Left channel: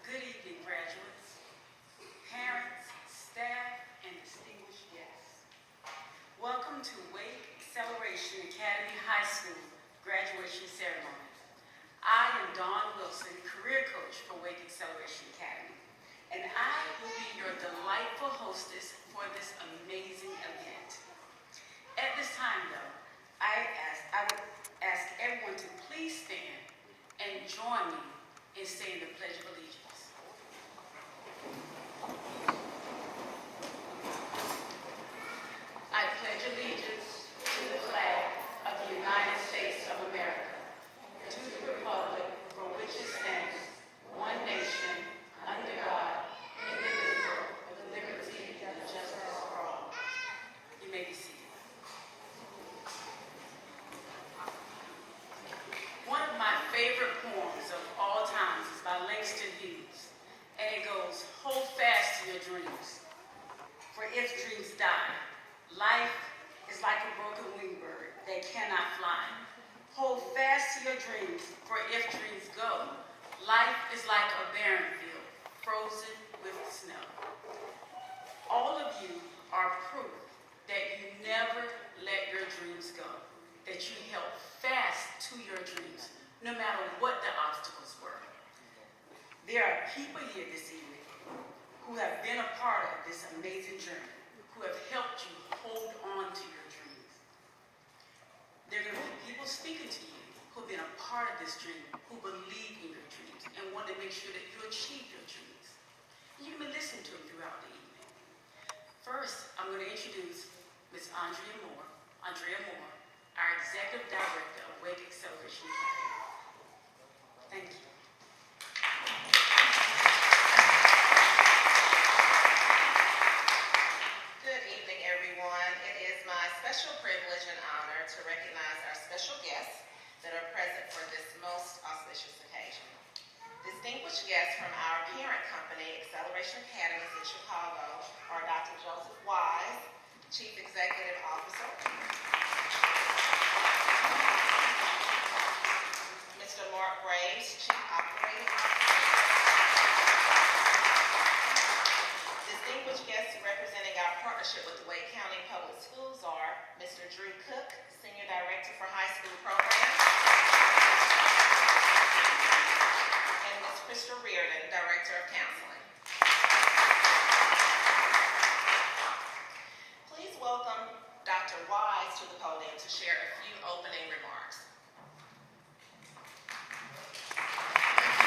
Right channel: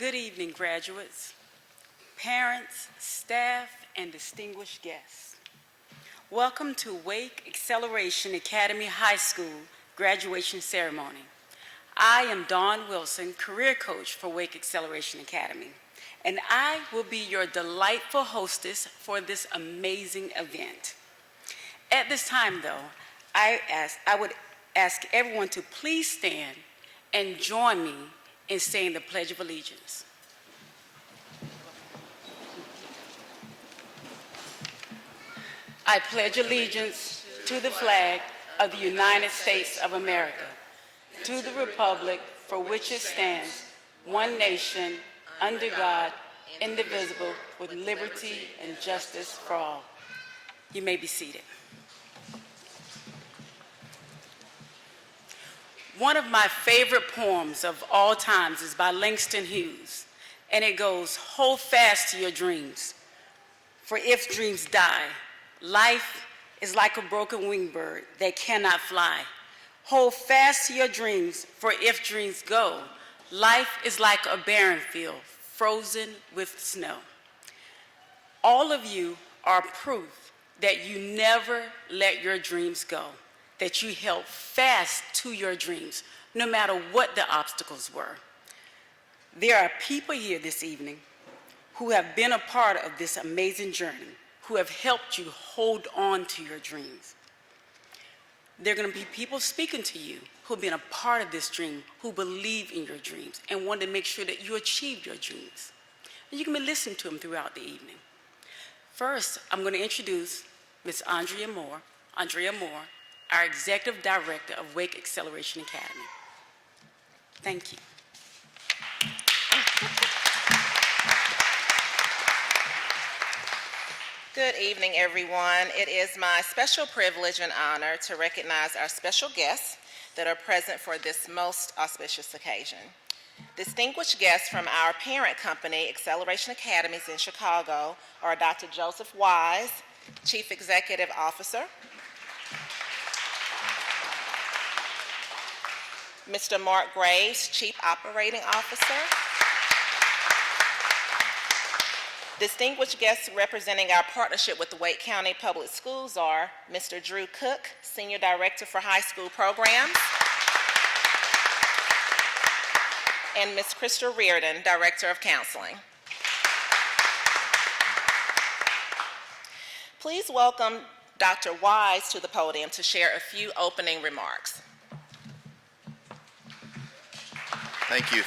Good evening, graduates, parents, staff, and distinguished guests. Welcome to Wake Acceleration Academy High School graduation ceremony. I am Dawn Wilson, career coach for Wake Acceleration Academy, and I will be your delightful hostess for this amazing event. At this time, though, I would ask everyone to please stand and join me in saying the Pledge of Allegiance. I pledge allegiance to the flag of the United States of America, to the republic for which it stands, one nation, under God, indivisible, with liberty and justice for all. You may be seated. One of my favorite poems of all times is by Langston Hughes, and it goes, "Hold fast to your dreams, for if dreams die, life is like a broken winged bird that cannot fly. Hold fast to your dreams, for if dreams go, life is like a barren field frozen with snow." All of you are proof that you never let your dreams go, that you held fast to your dreams, no matter what the obstacles were. There are people here this evening who have been a part of this amazing journey, who have helped you hold on to your dreams. There are going to be people speaking to you who have been a part of this dream, who believe in your dreams and want to make sure that you achieve your dreams. And you can be listening to them throughout the evening. First, I'm going to introduce Ms. Andrea Moore, our Executive Director of Wake Acceleration Academy. Thank you. Good evening, everyone. It is my special privilege and honor to recognize our special guests that are present for this most auspicious occasion. Distinguished guests from our parent company, Acceleration Academies in Chicago, are Dr. Joseph Wise, Chief Executive Officer, Mr. Mark Graves, Chief Operating Officer. Distinguished guests representing our partnership with the Wake County Public Schools are Mr. Drew Cook, Senior Director for High School Programs, and Ms. Krista Reardon, Director of Counseling. Please welcome Dr. Wise to the podium to share a few opening remarks.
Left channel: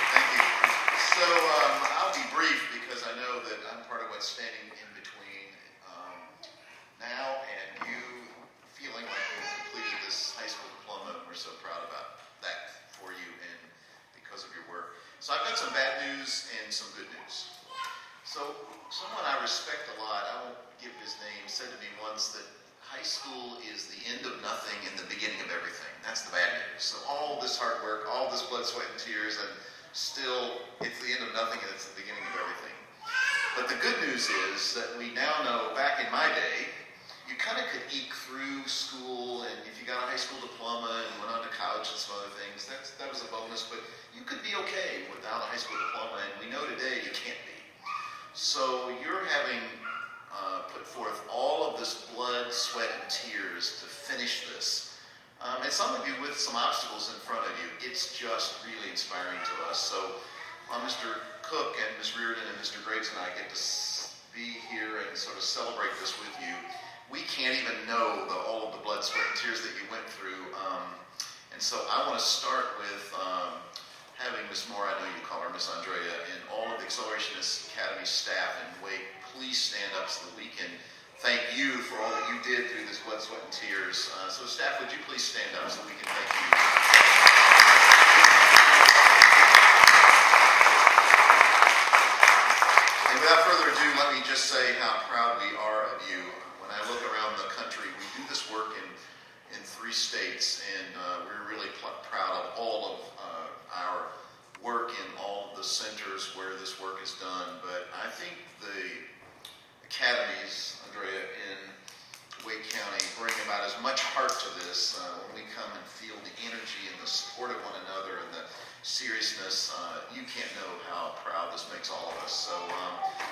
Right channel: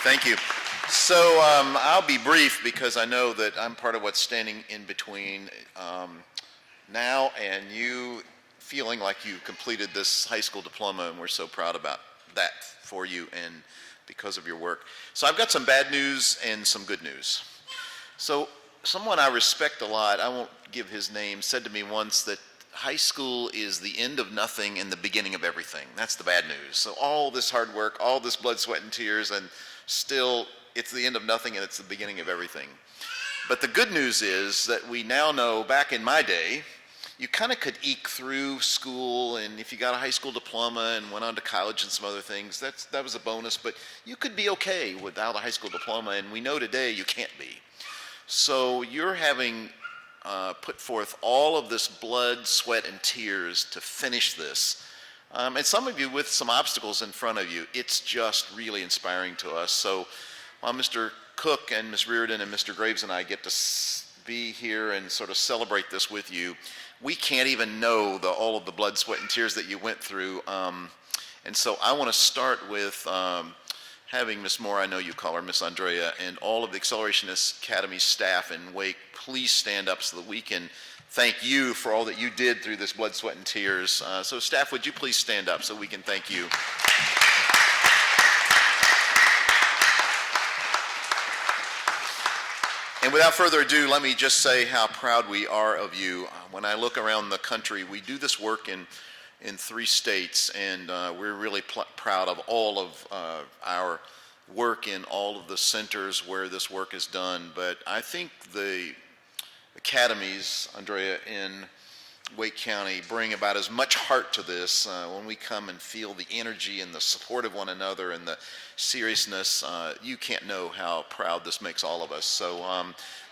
Thank you. So I'll be brief because I know that I'm part of what's standing in between now and you feeling like you completed this high school diploma, and we're so proud about that for you and because of your work. So I've got some bad news and some good news. So someone I respect a lot, I won't give his name, said to me once that high school is the end of nothing and the beginning of everything. That's the bad news. So all this hard work, all this blood, sweat, and tears, and still it's the end of nothing and it's the beginning of everything. But the good news is that we now know, back in my day, you kind of could eke through school, and if you got a high school diploma and went on to college and some other things, that was a bonus, but you could be okay without a high school diploma, and we know today you can't be. So you're having put forth all of this blood, sweat, and tears to finish this. And some of you with some obstacles in front of you. It's just really inspiring to us. So Mr. Cook and Ms. Reardon and Mr. Graves and I get to be here and sort of celebrate this with you. We can't even know all of the blood, sweat, and tears that you went through. And so I want to start with having Ms. Moore, I know you call her Ms. Andrea, and all of the Acceleration Academy staff in Wake, please stand up so that we can thank you for all that you did through this blood, sweat, and tears. So staff, would you please stand up so we can thank you? And without further ado, let me just say how proud we are of you. When I look around the country, we do this work in 3 states, and we're really proud of all of our work in all of the centers where this work is done. But I think the academies, Andrea, in Wake County bring about as much heart to this when we come and feel the energy and the support of one another and the seriousness. You can't know how proud this makes all of us. So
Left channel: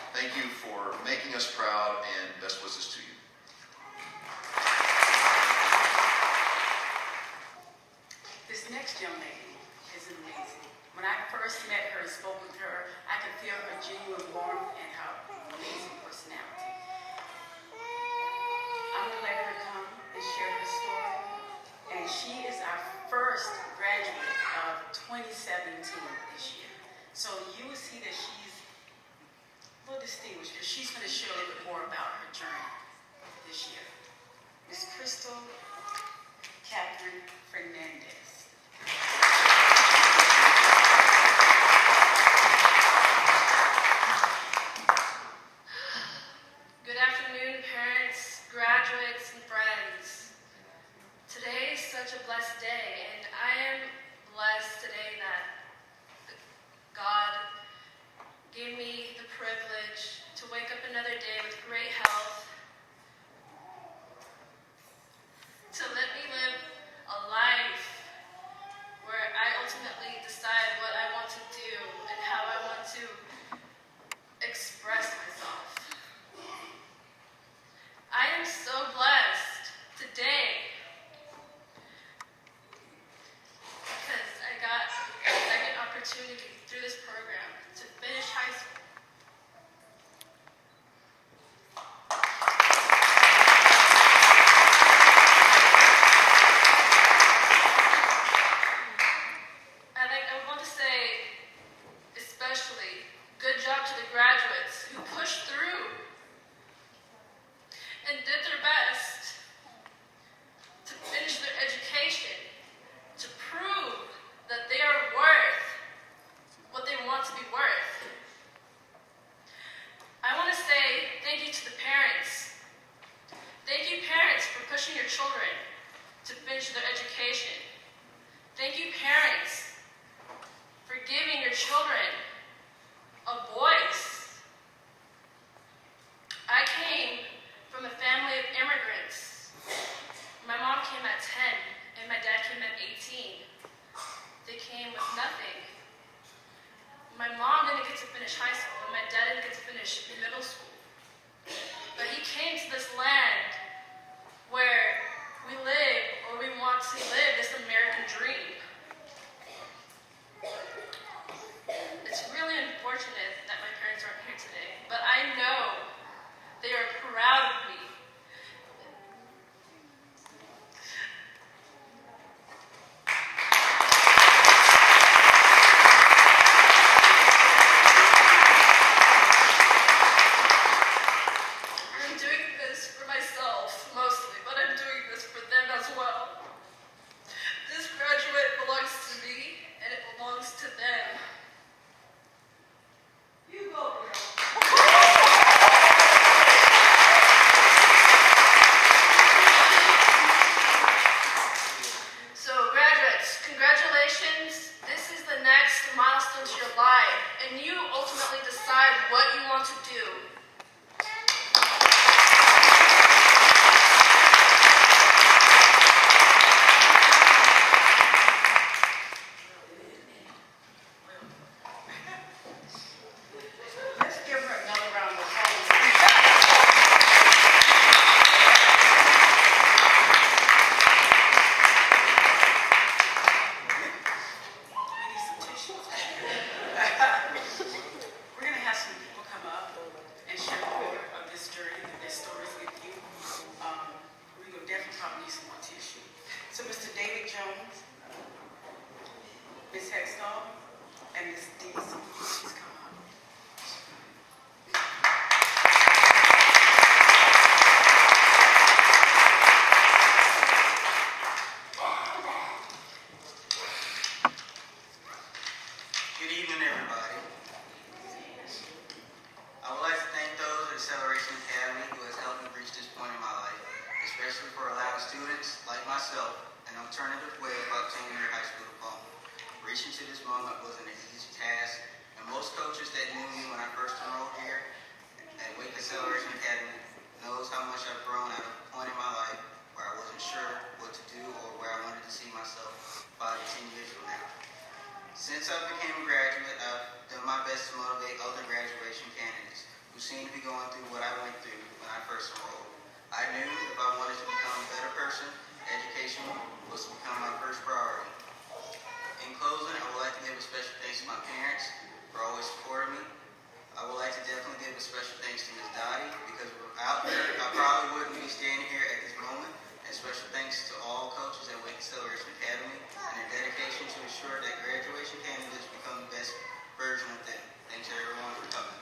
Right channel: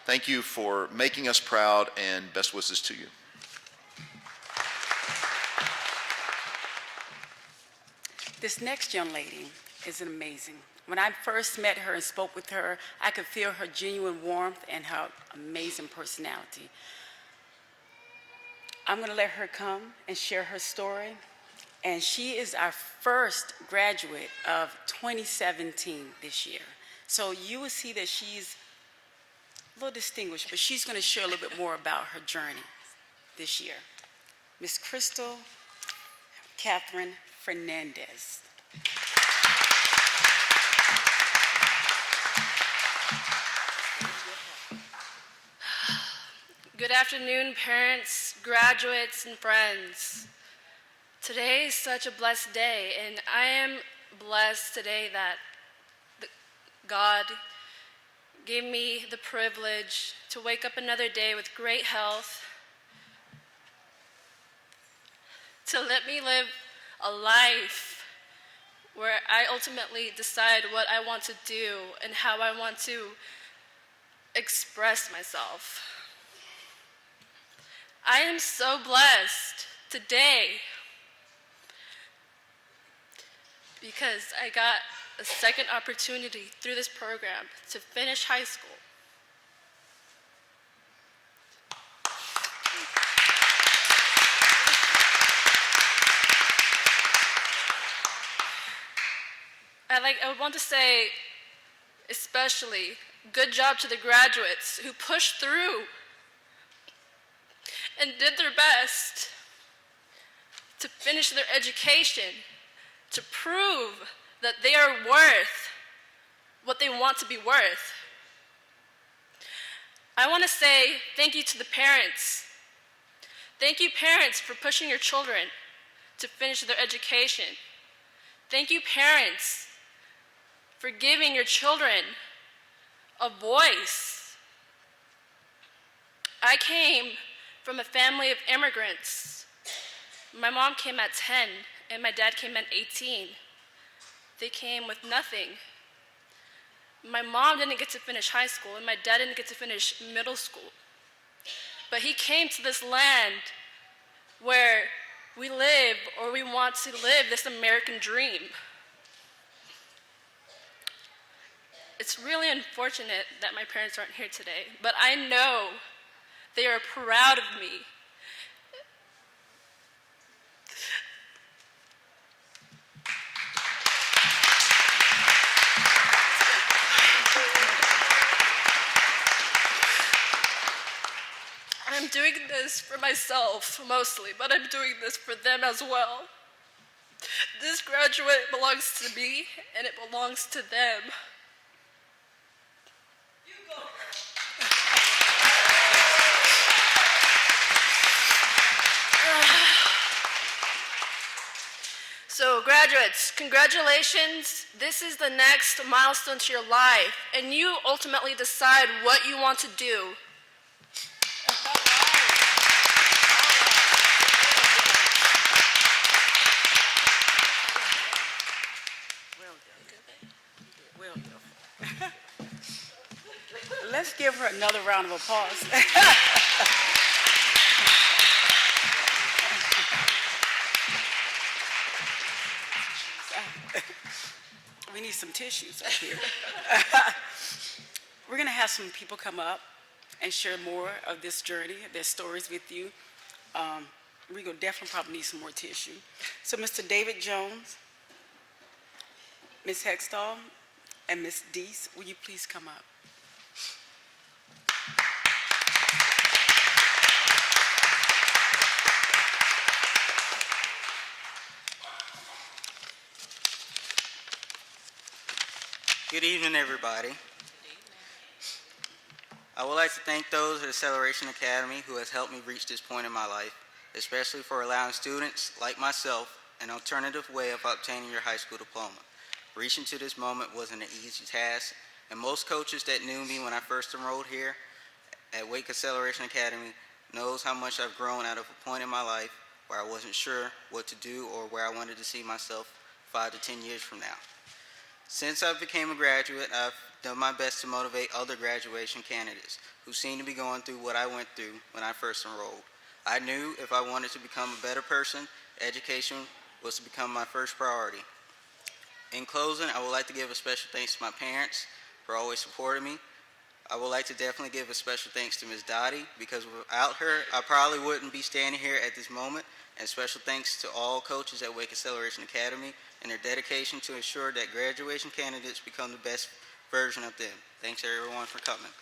thank you for making us proud, and best wishes to you. This next young lady is amazing. When I first met her and spoke with her, I could feel her genuine warmth and her amazing personality. I'm going to let her come and share her story. And she is our first graduate of 2017 this year. So you will see that she's a little distinguished, but she's going to share a little bit more about her journey this year. Miss Crystal Catherine Fernandez. Good afternoon, parents, graduates, and friends. Today is such a blessed day, and I am blessed today that God gave me the privilege to wake up another day with great health, to let me live a life where I ultimately decide what I want to do and how I want to express myself. I am so blessed today because I got a second opportunity through this program to finish high school. I want to say, especially, good job to the graduates who pushed through and did their best to finish their education, to prove that they are worth what they want to be worth. I want to say thank you to the parents. Thank you, parents, for pushing your children to finish their education. Thank you, parents, for giving your children a voice. I came from a family of immigrants. My mom came at 10, and my dad came at 18. They came with nothing. My mom didn't get to finish high school, and my dad didn't get to finish middle school. But he came to this land where we live, or we want to live, this American dream. It's really unfortunate that my parents aren't here today, but I know they are proud of me. I'm doing this for myself mostly, but I'm doing this for them as well. This graduate belongs to me, and it belongs to them. So graduates, congratulations. This is the next milestone to your life, and you ultimately decide what you want to do. Let's give her another round of applause. We need some tissues here. We're going to have some people come up and share more of this journey, their stories with you. We're going to definitely probably need some more tissue. So Mr. David Jones, Ms. Hextall, and Ms. Deese, will you please come up? Good evening, everybody. I would like to thank those at Acceleration Academy who has helped me reach this point in my life, especially for allowing students like myself an alternative way of obtaining your high school diploma. Reaching to this moment wasn't an easy task, and most coaches that knew me when I first enrolled here at Wake Acceleration Academy knows how much I've grown out of a point in my life where I wasn't sure what to do or where I wanted to see myself 5 to 10 years from now. Since I became a graduate, I've done my best to motivate other graduation candidates who seem to be going through what I went through when I first enrolled. I knew if I wanted to become a better person, education was to become my first priority. In closing, I would like to give a special thanks to my parents for always supporting me. I would like to definitely give a special thanks to Ms. Dottie, because without her, I probably wouldn't be standing here at this moment. And special thanks to all coaches at Wake Acceleration Academy and their dedication to ensure that graduation candidates become the best version of them. Thanks everyone for coming.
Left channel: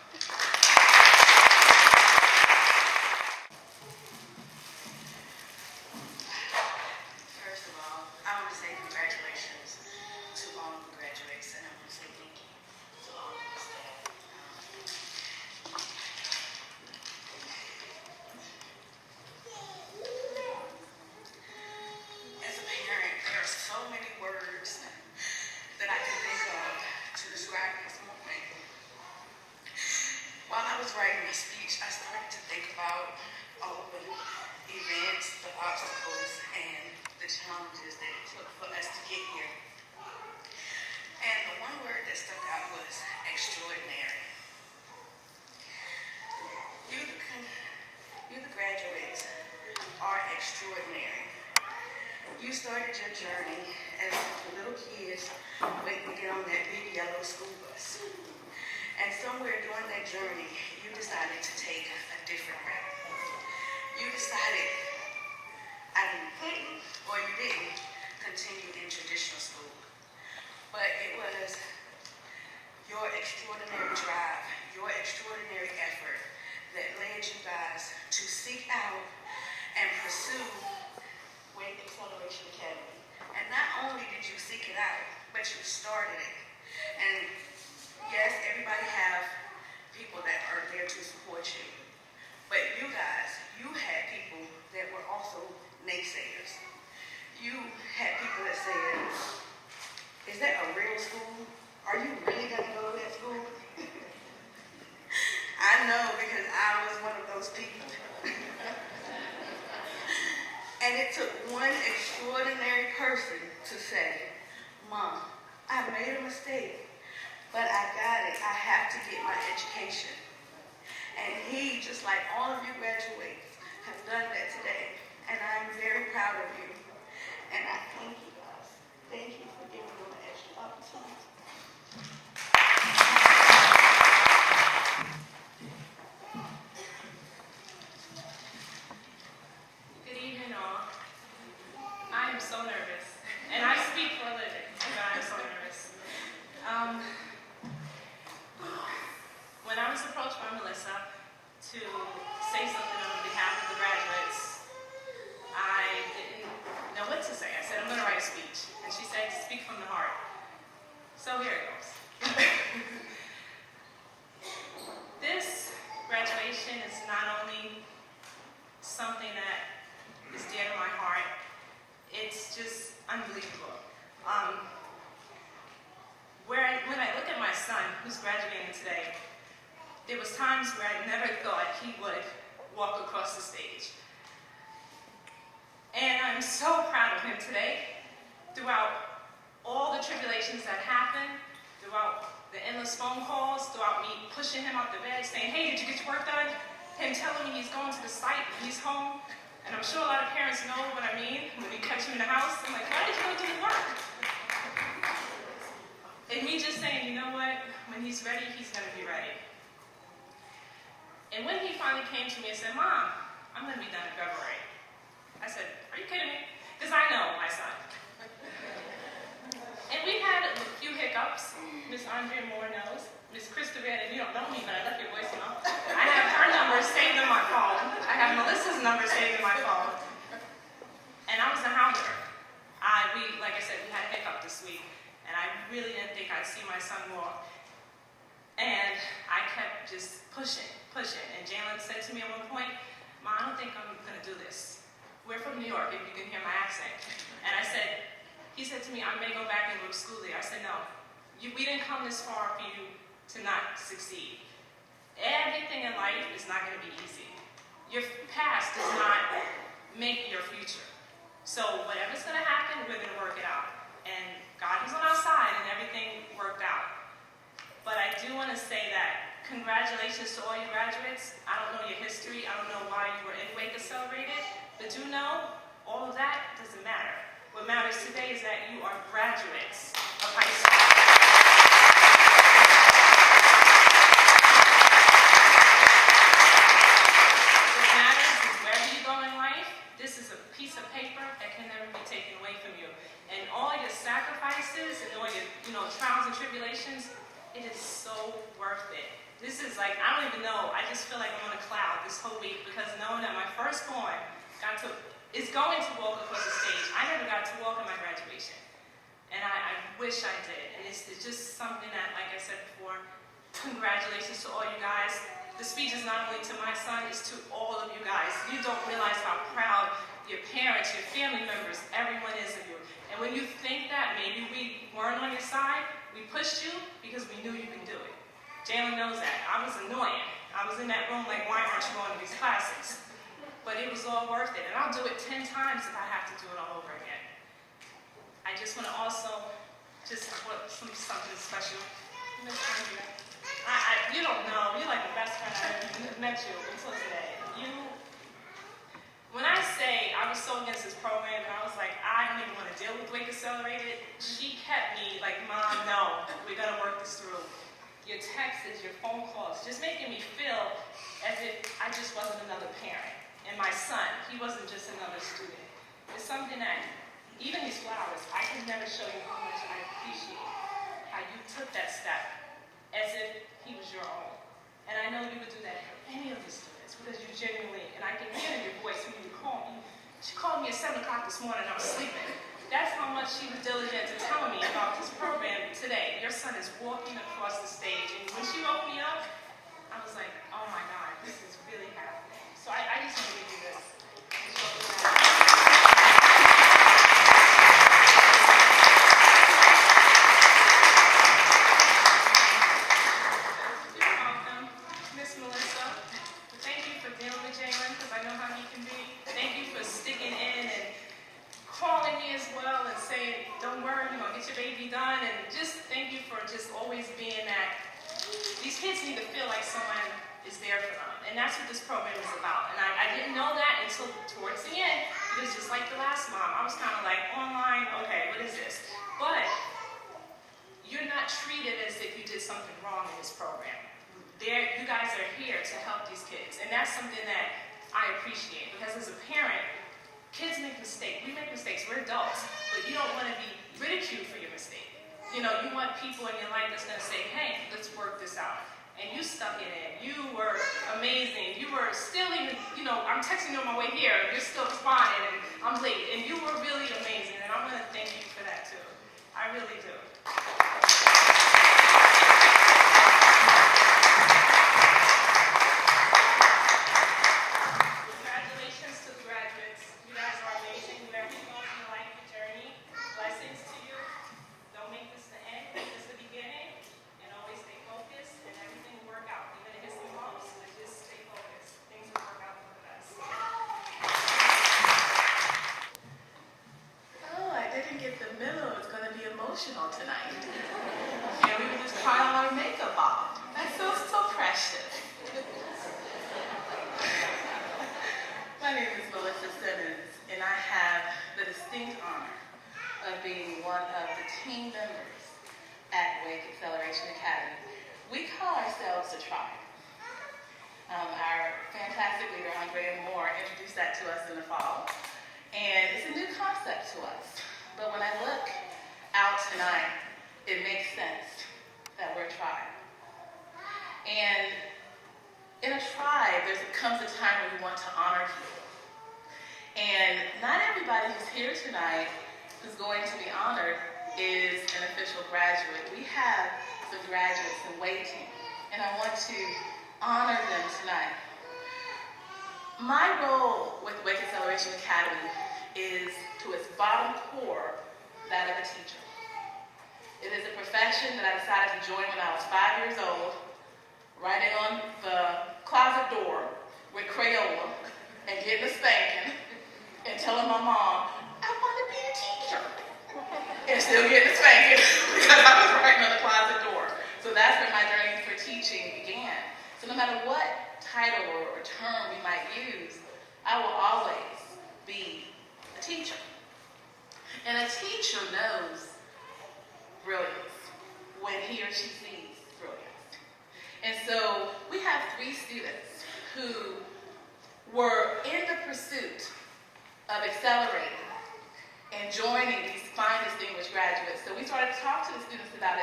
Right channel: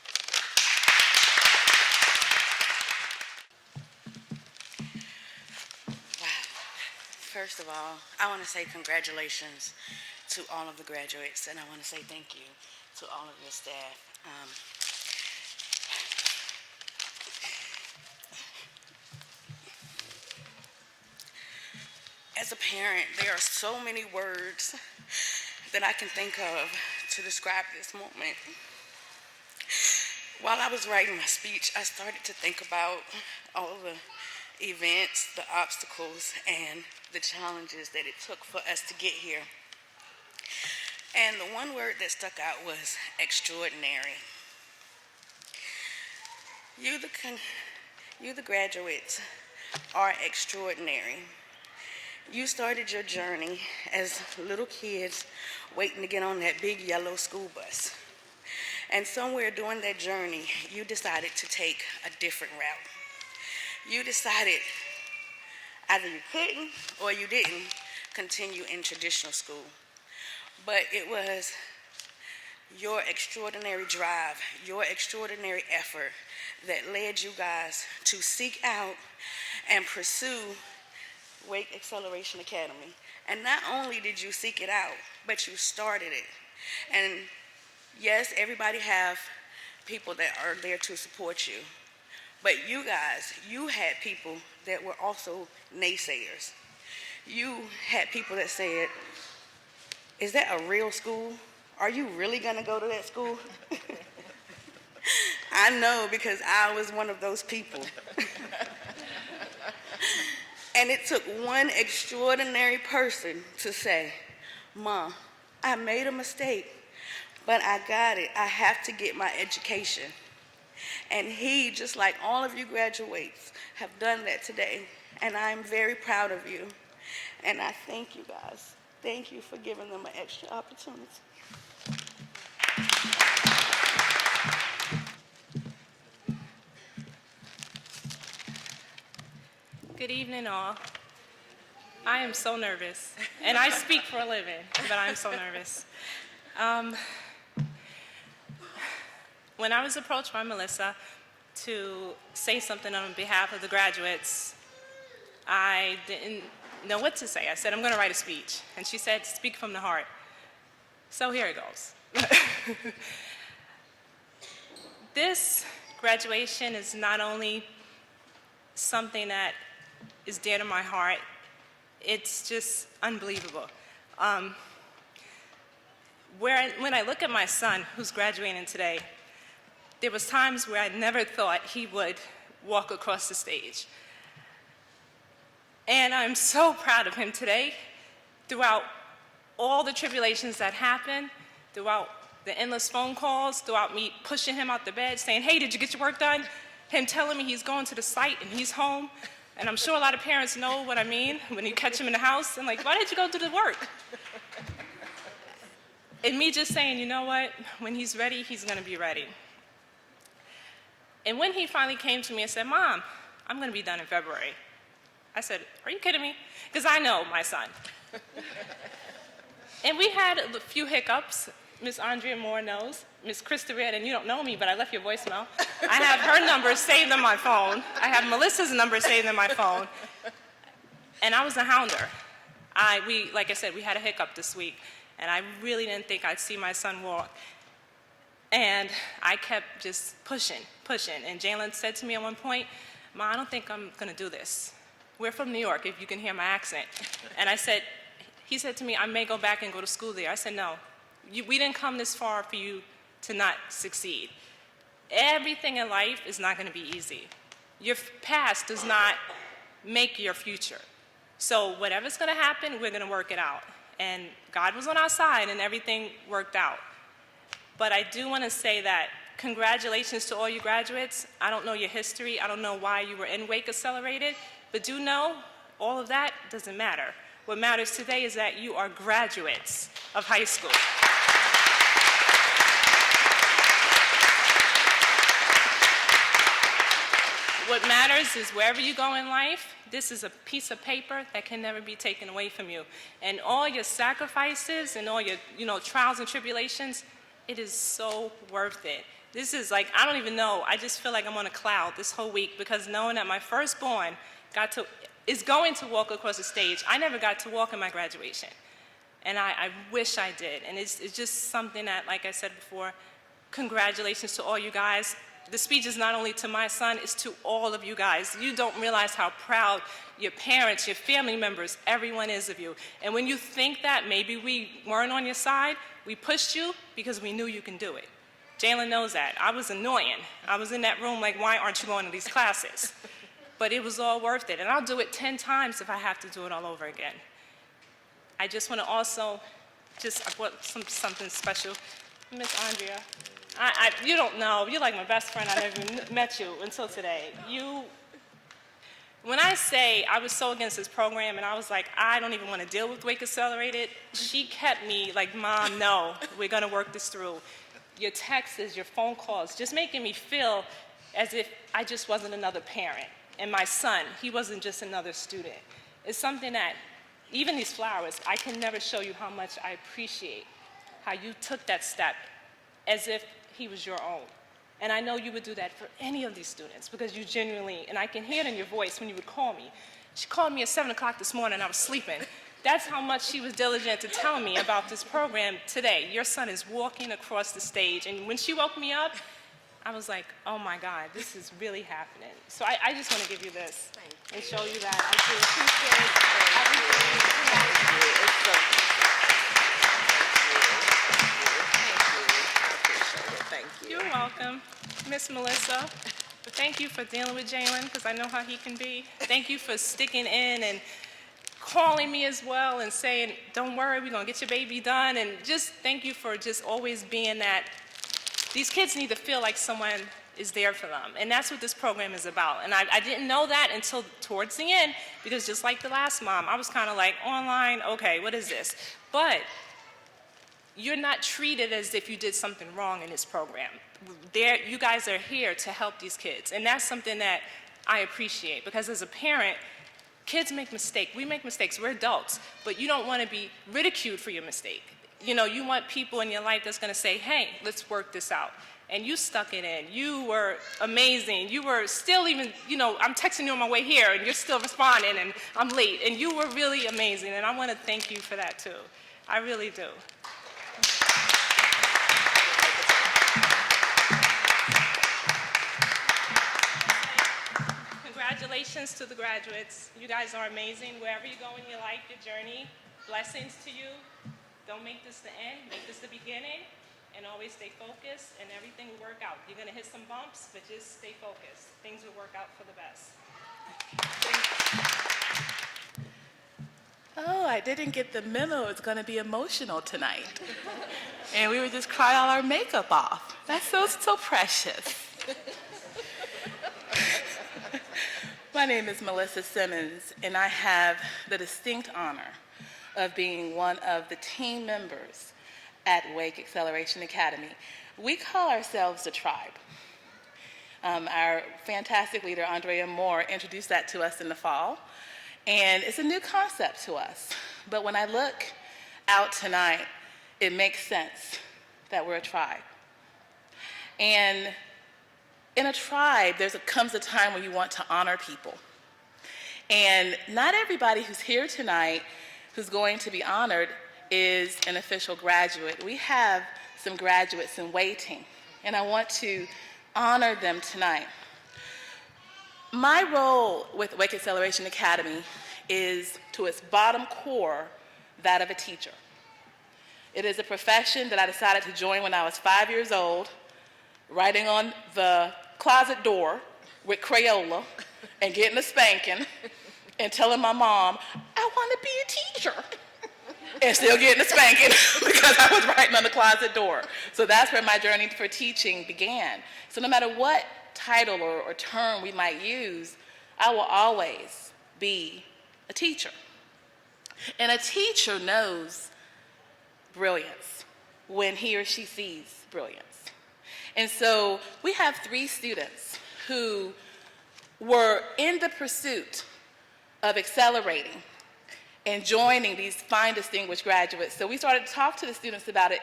First of all, I want to say congratulations to all of the graduates, and I want to say thank you to all of the staff. As a parent, there are so many words that I can think of to describe this moment. While I was writing my speech, I started to think about all the events, the obstacles, and the challenges that it took for us to get here. And the one word that stuck out was extraordinary. You, the graduates, are extraordinary. You started your journey as little kids waiting to get on that big yellow school bus. And somewhere during that journey, you decided to take a different route. You decided either you couldn't or you didn't continue in traditional school. But it was your extraordinary drive, your extraordinary effort that led you guys to seek out and pursue Wake Acceleration Academy. And not only did you seek it out, but you started it. And yes, everybody have people that are there to support you. But you guys, you had people that were also naysayers. You had people that said, is that a real school? Are you really gonna go to that school? I know, because I was one of those people. And it took one extraordinary person to say, Mom, I made a mistake, but I got it. I have to get my education. And he, just like all of you graduates, have done that today. And I'm very proud of you. And I thank you guys. Thank you for giving them an extra opportunity. Good evening, all. I am so nervous, and I speak for a living, but I'm so nervous. When I was approached by Melissa to say something on behalf of the graduates, I didn't know what to say. I said, I'm going to write a speech. And she said, speak from the heart. So here it goes. This graduation is not only something that is dear to my heart, it's just unbelievable. When I look at my son, who's graduating today, there was times where I never thought he would walk across the stage. And I'm so proud of him today. Throughout all the tribulations that happened, throughout the endless phone calls, throughout me pushing him out the bed, saying, hey, did you get your work done? Him telling me he's going to the site and he's home. And I'm sure a lot of parents know what I mean when you catch him in the house. I'm like, why did you go do the work? And me just saying, you know what? When he's ready, he's going to be ready. And when he finally came to me and said, Mom, I'm going to be done in February. I said, are you kidding me? Because I know my son. And we had a few hiccups. Miss Andrea Moore knows. Miss Krista Red, and you don't know me, but I left your voicemail. I have her number saved on my phone. I have Melissa's number saved on my phone. And I was a hounder. Like I said, we had a hiccup this week, and I really didn't think I'd see my son walk. And I kept just pushing. And Jalen said to me at one point, Ma, I don't think I'm gonna do this. We're from New York, if you can hear my accent. And he said to me, I may go back and go to school there. I said, no, we didn't come this far for you to not succeed. Everything in life is not gonna be easy. Your past does not make your future. So whatever's going to happen, we're going to work it out. And God was on our side and everything worked out. But I do want to say that congratulations to all you graduates. I don't know your history. I don't know why you were in Wake Accelerated. But do know, all of that doesn't matter. What matters today is that you are graduates of high school. What matters is wherever you go in life, this is a piece of paper that can never be taken away from you. And all your sacrifices and all your trials and tribulations, it is so worth it. This is like, I don't even know, I just feel like I'm on a cloud this whole week because knowing that my firstborn is going to walk across the stage. I never got to walk in my graduation. And I wish I did. And it's just something that, like I said before, congratulations to all you guys. The speech is not only to my son, it's to all of you guys. You don't realize how proud your parents, your family members, everyone is of you. And when you think that maybe we weren't on your side, we pushed you because we knew you can do it. Jalen knows that. I was annoying. I was in that room like, why aren't you going to these classes? But it was all worth it. And I'll do it 10 times if I have to do it all over again. I just want to also, I brought something special. Miss Andrea, you don't know, you're like my best friend. I never met you until today. When I say I was so against this program and I was like, I don't even want to deal with Wake Accelerated, she kept me like, Mom, no, we're going to work this through. Your texts, your phone calls, just making me feel as if I just wasn't another parent. And my son, he wasn't just another student. It's something that, even these flowers, I can never show you how much I appreciate how you took that step as if he was your own. And I know you would do that for any of these students because you genuinely, and I can hear it in your voice when you would call me. She called me at 7 o'clock this morning and I was sleeping. That's how much she was diligent to tell me about this program today. Your son is walking across the stage. And when she woke me up, I was like, oh my God, this is really happening. So I just want to give you this and show you that. You're welcome, Miss Melissa. Thank you for dealing with Jalen because I know how he can be. Thank you for sticking in and calling me as well and saying, don't worry, we're going to get your baby done. And just thank you for just always being that. These kids need to feel like someone is there for them. And that's what this program is about. And I didn't know that until towards the end, because just like the last mom, I was kind of like, online, okay, what is this? But you're not treated as if you did something wrong in this program. You guys are here to help these kids. And that's something that I appreciate, because as a parent, kids make mistakes. We make mistakes. We're adults. But you don't want to be ridiculed for your mistake. You know, you want people in your life that's going to say, hey, let's work this out. And you stuck it in. You were amazing. You were still even, I'm texting you on my way here, and you're still responding, and I'm late. And you were really amazing, and I want to thank you for that, too. I really do. Congratulations to the graduates. You guys are amazing. Wherever you go in your life, your journey, blessings to you. Don't make this the end. Make this the beginning. And always stay focused, and everything will work out. You're going to hit some bumps, but just stay focused. Things will work out for the best. Oh, I didn't get the memo. It's going to be emotional tonight. And we would just cry all our makeup off. That's so precious. My name is Melissa Simmons, and I have the distinct honor of being one of the team members at Wake Acceleration Academy. We call ourselves the Tribe. Our fantastic leader, Andrea Moore, introduced that to us in the fall. And it's a new concept to us. But when I look out tonight, it makes sense that we're a tribe. And in a tribe, comes a time when you want to honor people. And not everybody who's here tonight who's going to be honored is an official graduate. We have some graduates in waiting, and I want to honor them tonight. My role with Wake Acceleration Academy is, to its bottom core, that of a teacher. It is a profession that I decided to join when I was 5 years old, writing on the closet door with Crayola and getting a spanking and telling my mom, I want to be a teacher. And still getting a spanking because I was writing on the closet door. So that's where my journey for teaching began. So no matter what title or term we might use, I will always be a teacher. And a teacher knows brilliance when he or she sees brilliance. And so we have 3 students who were in the pursuit of accelerating and joining these fine distinguished graduates. So we started to talk to the students about it,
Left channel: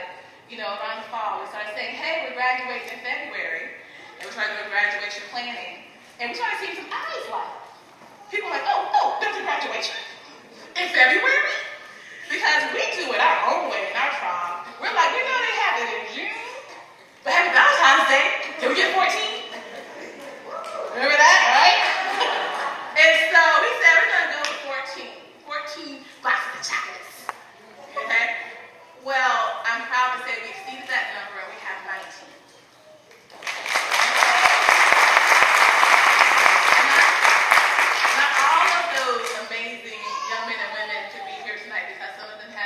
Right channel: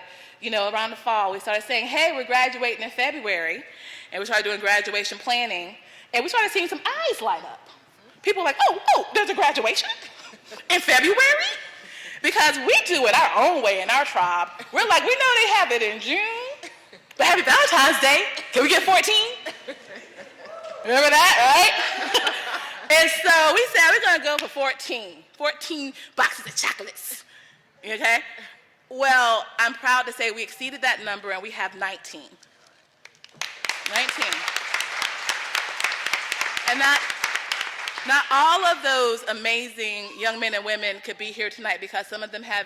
around the fall. We started saying, hey, we're graduating in February, and we started doing graduation planning, and we started seeing some eyes light up. People were like, oh, there's a graduation in February? Because we do it our own way in our tribe. We're like, we know they have it in June, but happy Valentine's Day, can we get 14? Remember that, right? And so we said, we're gonna go for 14 boxes of chocolates, okay? Well, I'm proud to say we exceeded that number and we have 19. And not all of those amazing young men and women could be here tonight because some of them have,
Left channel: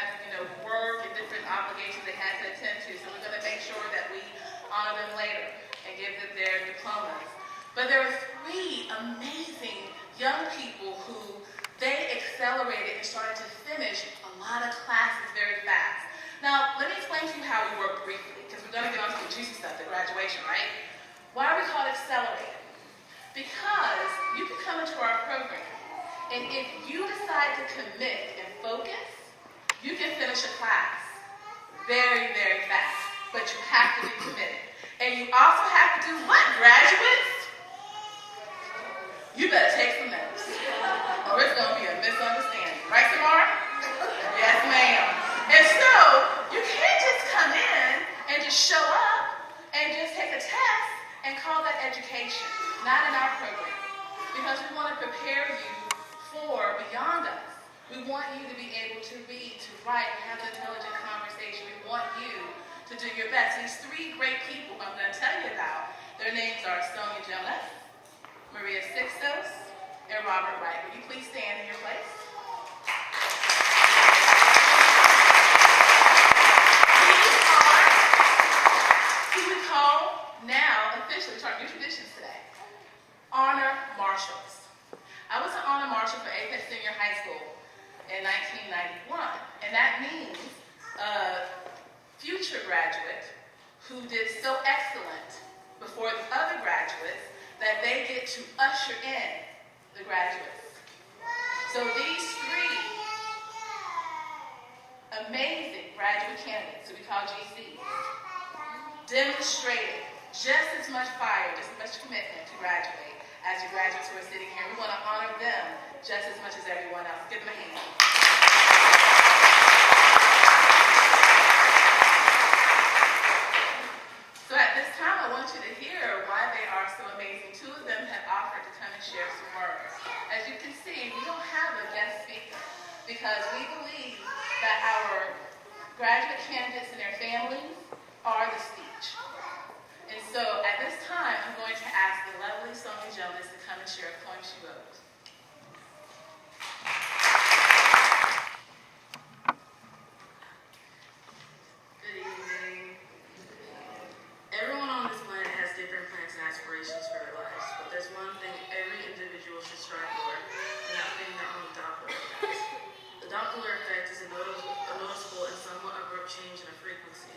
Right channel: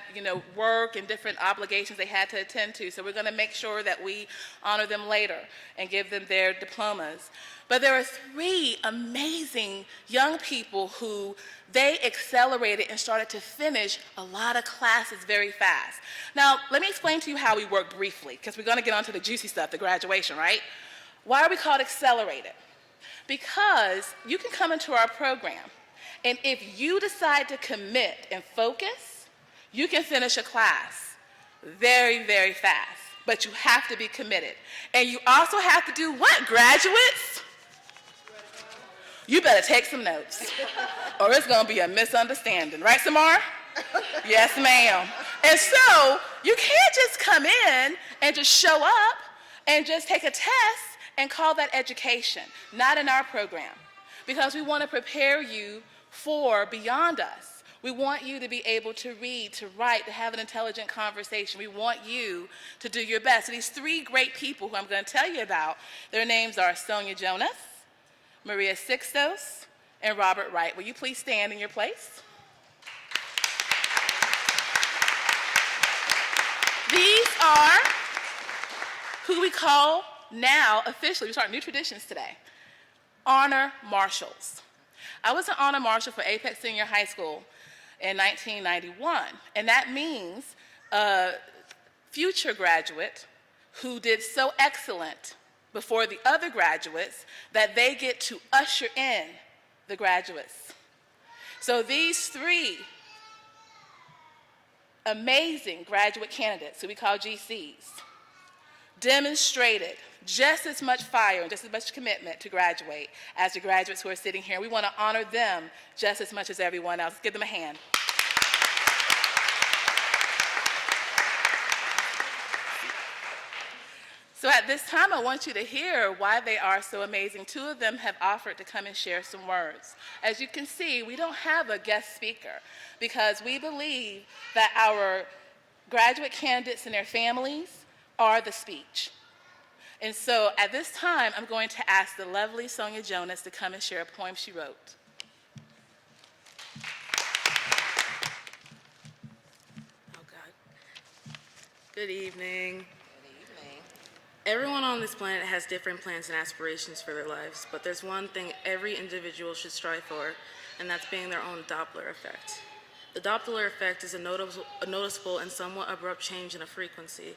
work and different obligations they had to attend to. So we're gonna make sure that we honor them later and give them their diplomas. But there are 3 amazing young people who they accelerated and started to finish a lot of classes very fast. Now, let me explain to you how we work briefly, because we're gonna get onto the juicy stuff, the graduation, right? Why are we called accelerated? Because you can come into our program, and if you decide to commit and focus, you can finish a class very, very fast, but you have to be committed. And you also have to do what, graduates? You better take some notes, or it's gonna be a misunderstanding. Right, Samar? Yes, ma'am. And so, you can't just come in and just show up and just take a test and call that education. Not in our program. Because we wanna prepare you for beyond us. We want you to be able to read, to write, to have an intelligent conversation. We want you to do your best. These 3 great people who I'm gonna tell you about, their names are Sonia Jonas, Maria Sixtos, and Robert Wright. Will you please stand in your place? These are who we call now, officially, we start new traditions today, honor marshals. I was an honor marshal for Apex Senior High School in 1991, and that means a future graduate who did so excellent before the other graduates that they get to usher in the graduates. So these 3 amazing graduate candidates, who we call GCs, demonstrated just as much fire, just as much commitment to graduate as the graduates who are sitting here. We want to honor them just as much as everyone else. Give them a hand. So at this time, I want you to hear why they are so amazing. 2 of them have offered to come and share some words. As you can see, we don't have a guest speaker because we believe that our graduate candidates and their families are the speech. And so at this time, I'm going to ask the lovely Sonia Jonas to come and share a poem she wrote. Good evening. Everyone on this planet has different plans and aspirations for their lives, but there's one thing every individual should strive for, and that's being their own Doppler effect. The Doppler effect is a noticeable and somewhat abrupt change in a frequency.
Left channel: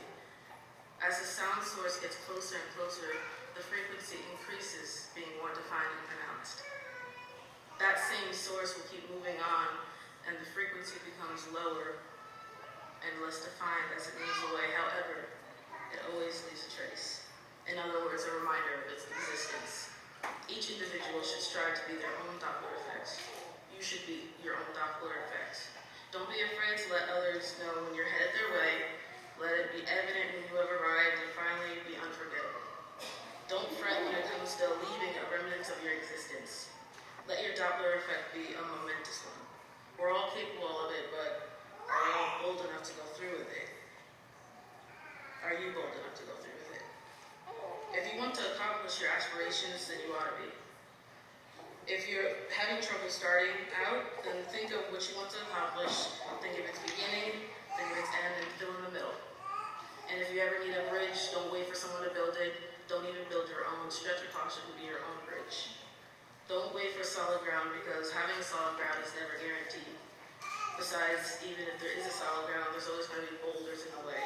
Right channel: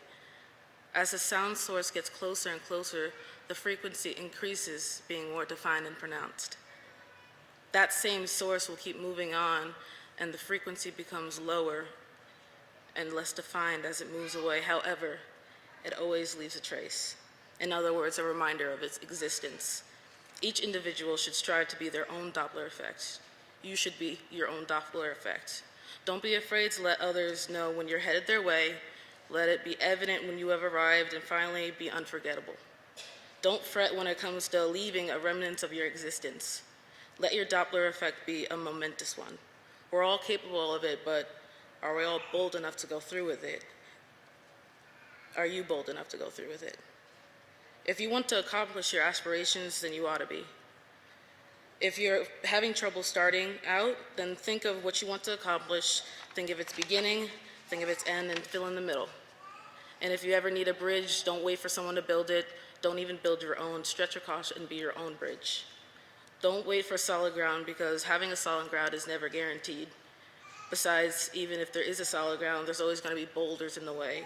As the sound source gets closer and closer, the frequency increases, being more defined and pronounced. That same source will keep moving on, and the frequency becomes lower and less defined as it moves away. However, it always leaves a trace. In other words, a reminder of its existence. Each individual should strive to be their own Doppler effect. You should be your own Doppler effect. Don't be afraid to let others know when you're headed their way. Let it be evident when you have arrived, and finally, be unforgettable. Don't fret when it comes to leaving a remnant of your existence. Let your Doppler effect be a momentous one. We're all capable of it, but are we all bold enough to go through with it? Are you bold enough to go through with it? If you want to accomplish your aspirations, then you ought to be. If you're having trouble starting out, then think of what you want to accomplish, think of its beginning, think of its end, and fill in the middle. And if you ever need a bridge, don't wait for someone to build it. Don't even build your own. Stretch across and be your own bridge. Don't wait for solid ground, because having a solid ground is never guaranteed. Besides, even if there is a solid ground, there's always going to be boulders in the way.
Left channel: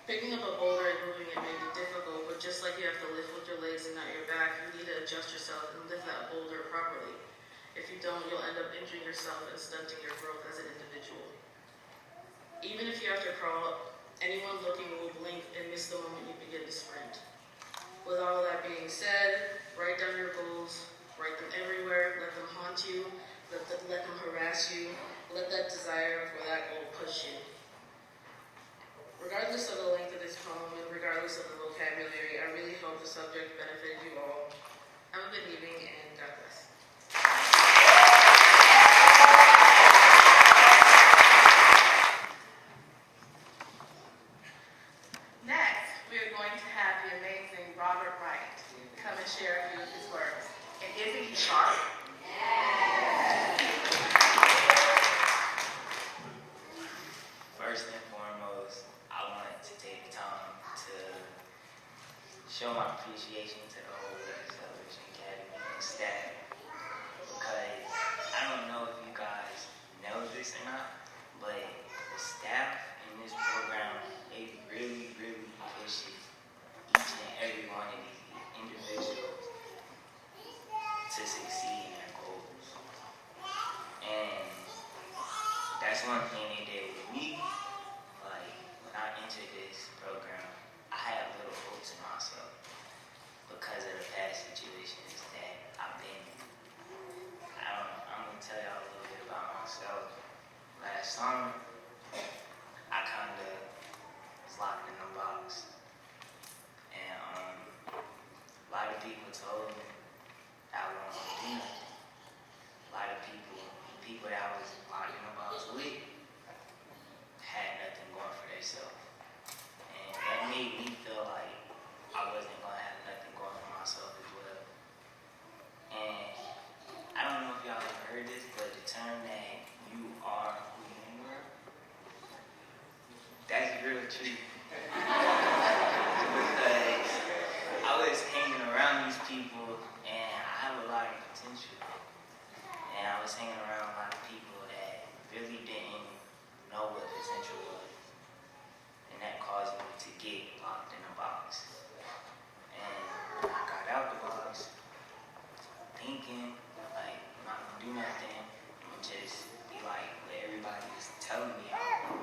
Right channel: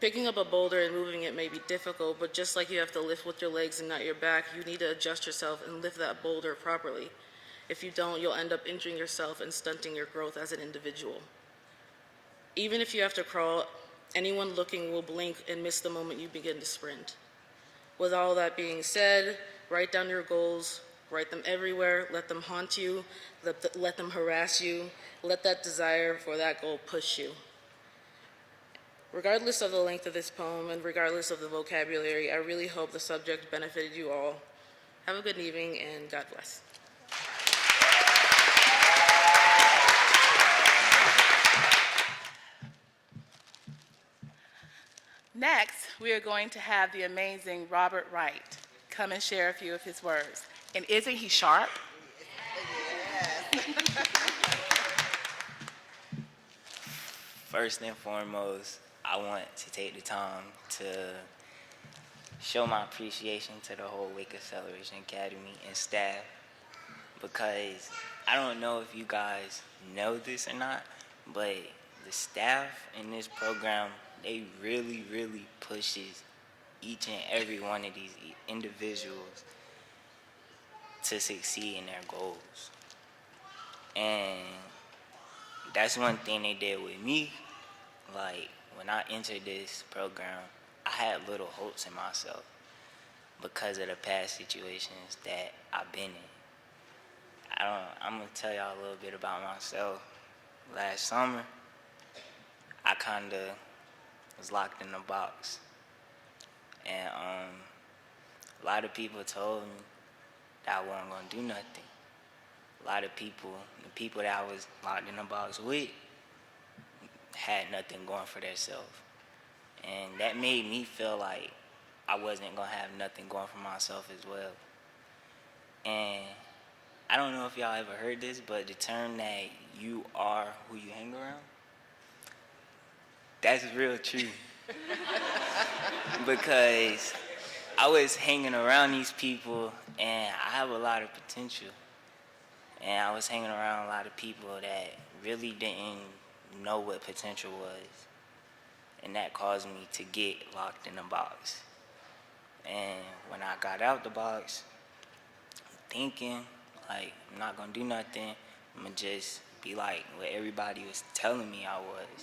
Picking up a boulder and moving it may be difficult, but just like you have to lift with your legs and not your back, you need to adjust yourself and lift that boulder properly. If you don't, you'll end up injuring yourself and stunting your growth as an individual. Even if you have to crawl, anyone looking will blink and miss the moment you begin to sprint. With all that being said, write down your goals, write them everywhere, let them haunt you, let them harass you, let that desire for that goal push you. Regardless of the length of this poem and regardless of the vocabulary, I really hope the subject benefited you all. Have a good evening and God bless. Next, we are going to have the amazing Robert Wright come and share a few of his words. And isn't he sharp? First and foremost, I want to take the time to show my appreciation to the whole Wake Acceleration Academy and staff, because I don't know if you guys know this or not, but the staff in this program, they really, really pushes each and every one of these individuals to succeed in their goals. And that's one thing they did with me. Like, when I entered this program, I had little hopes in myself because of the past situations that I've been in. I'm gonna tell y'all a little bit about myself. Last summer, I kinda was locked in a box. And a lot of people told me that I wasn't gonna do nothing. A lot of people, the people that I was locked in a box with, had nothing going for themselves. And that made me feel like I wasn't gonna have nothing going for myself as well. And I don't know if y'all ever heard this, but the term that you are who you hang around, that's real true. Because I was hanging around these people and I have a lot of potential. And I was hanging around a lot of people that really didn't know what potential was. And that caused me to get locked in a box. And when I got out the box, thinking, like, I'm not gonna do nothing, I'm gonna just be like what everybody was telling me I was.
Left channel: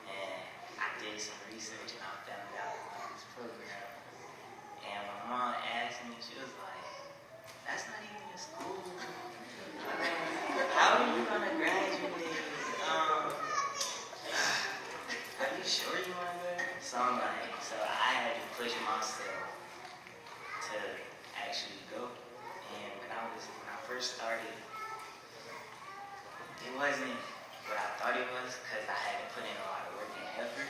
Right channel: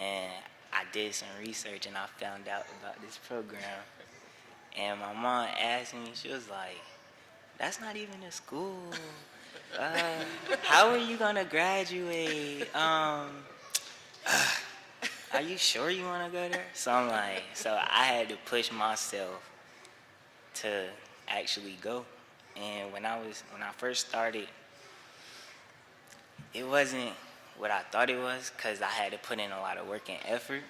And I did some research and I found out about this program. And my mom asked me, she was like, that's not even a school. How are you gonna graduate? Are you sure you wanna go there? So I'm like, so I had to push myself to actually go. And when I first started, it wasn't what I thought it was, because I had to put in a lot of work and effort.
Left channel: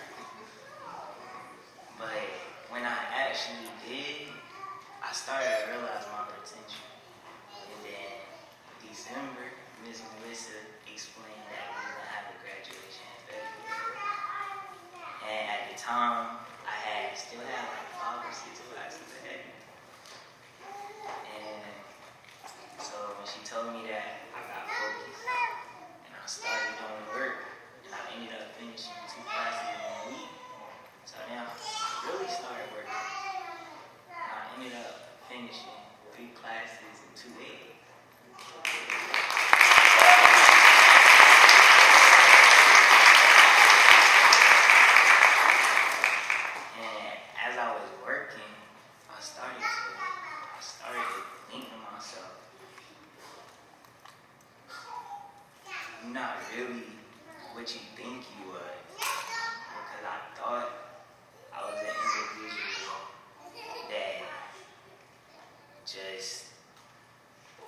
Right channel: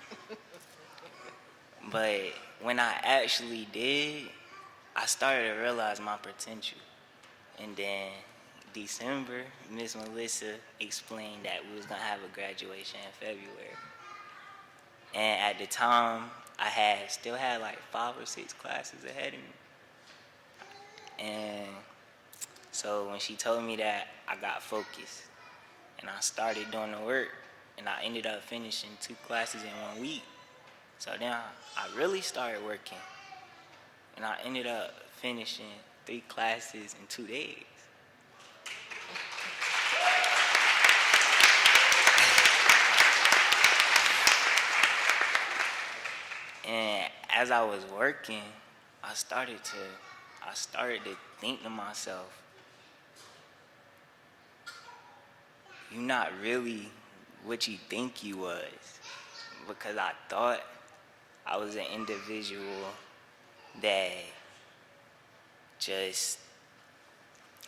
But when I actually did, I started to realize my potential. And then December, Miss Melissa explained that we was gonna have a graduation in February. And at the time, I still had like 5 or 6 classes ahead of me. And so when she told me that, I got focused. And I started doing the work, and I ended up finishing 2 classes in 1 week. So then I really started working. And I ended up finishing 3 classes in 2 days. And as I was working, I started to think to myself, you're not really what you think you was. Because I thought I was an individual that just,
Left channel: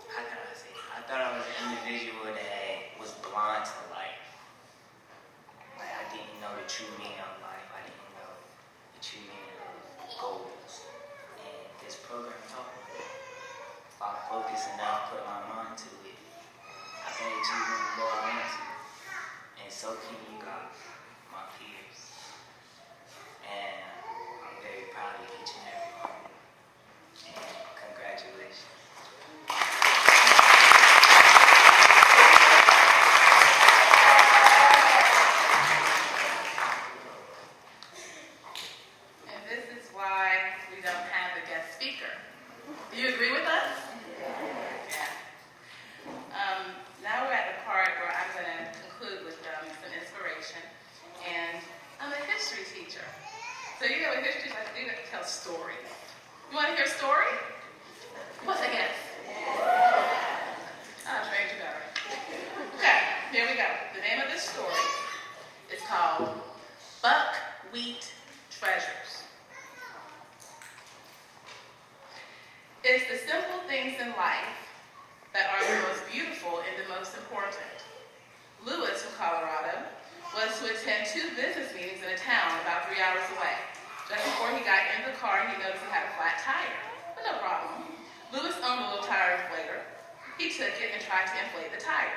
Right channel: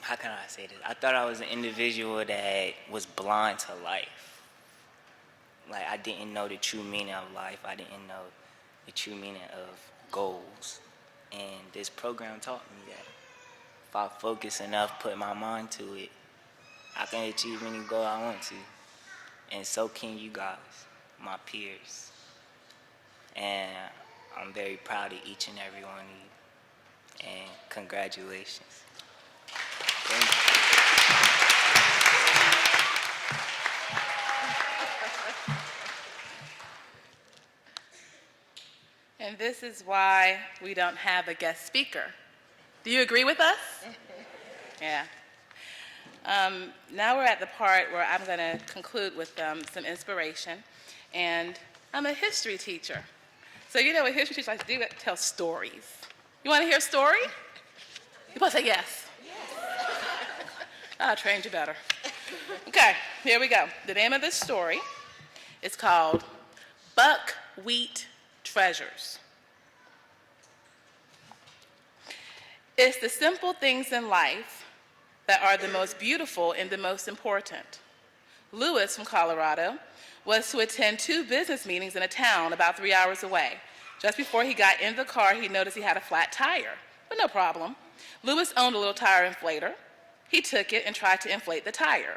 how can I say this? I thought I was an individual that was blind to life. Like, I didn't know the true meaning of life. I didn't know the true meaning of goals. And this program taught me that. if I focus enough, put my mind to it, I can achieve any goal I want to. And so can you guys, my peers. And I'm very proud of each and every one of you. And congratulations. And this is why we don't have a guest speaker. Do you agree with us? Yeah. Now we're at the part where I'm going to conclude with some inspiration. And I'm a history teacher. So you know what history teachers like to do? They tell stories. You want to hear a story? You want to say yes? I'll train you better. Okay, here we go. The name of this story is called Buckwheat Treasures. It's the simple things in life that are the most beautiful and the most important. Lewis from Colorado was to attend 2 business meetings in a town about 3 hours away. Just before he got in the car, he noticed he had a flat tire, but no problem. Lewis owned a little tire inflator. He took it and tried to inflate the tire.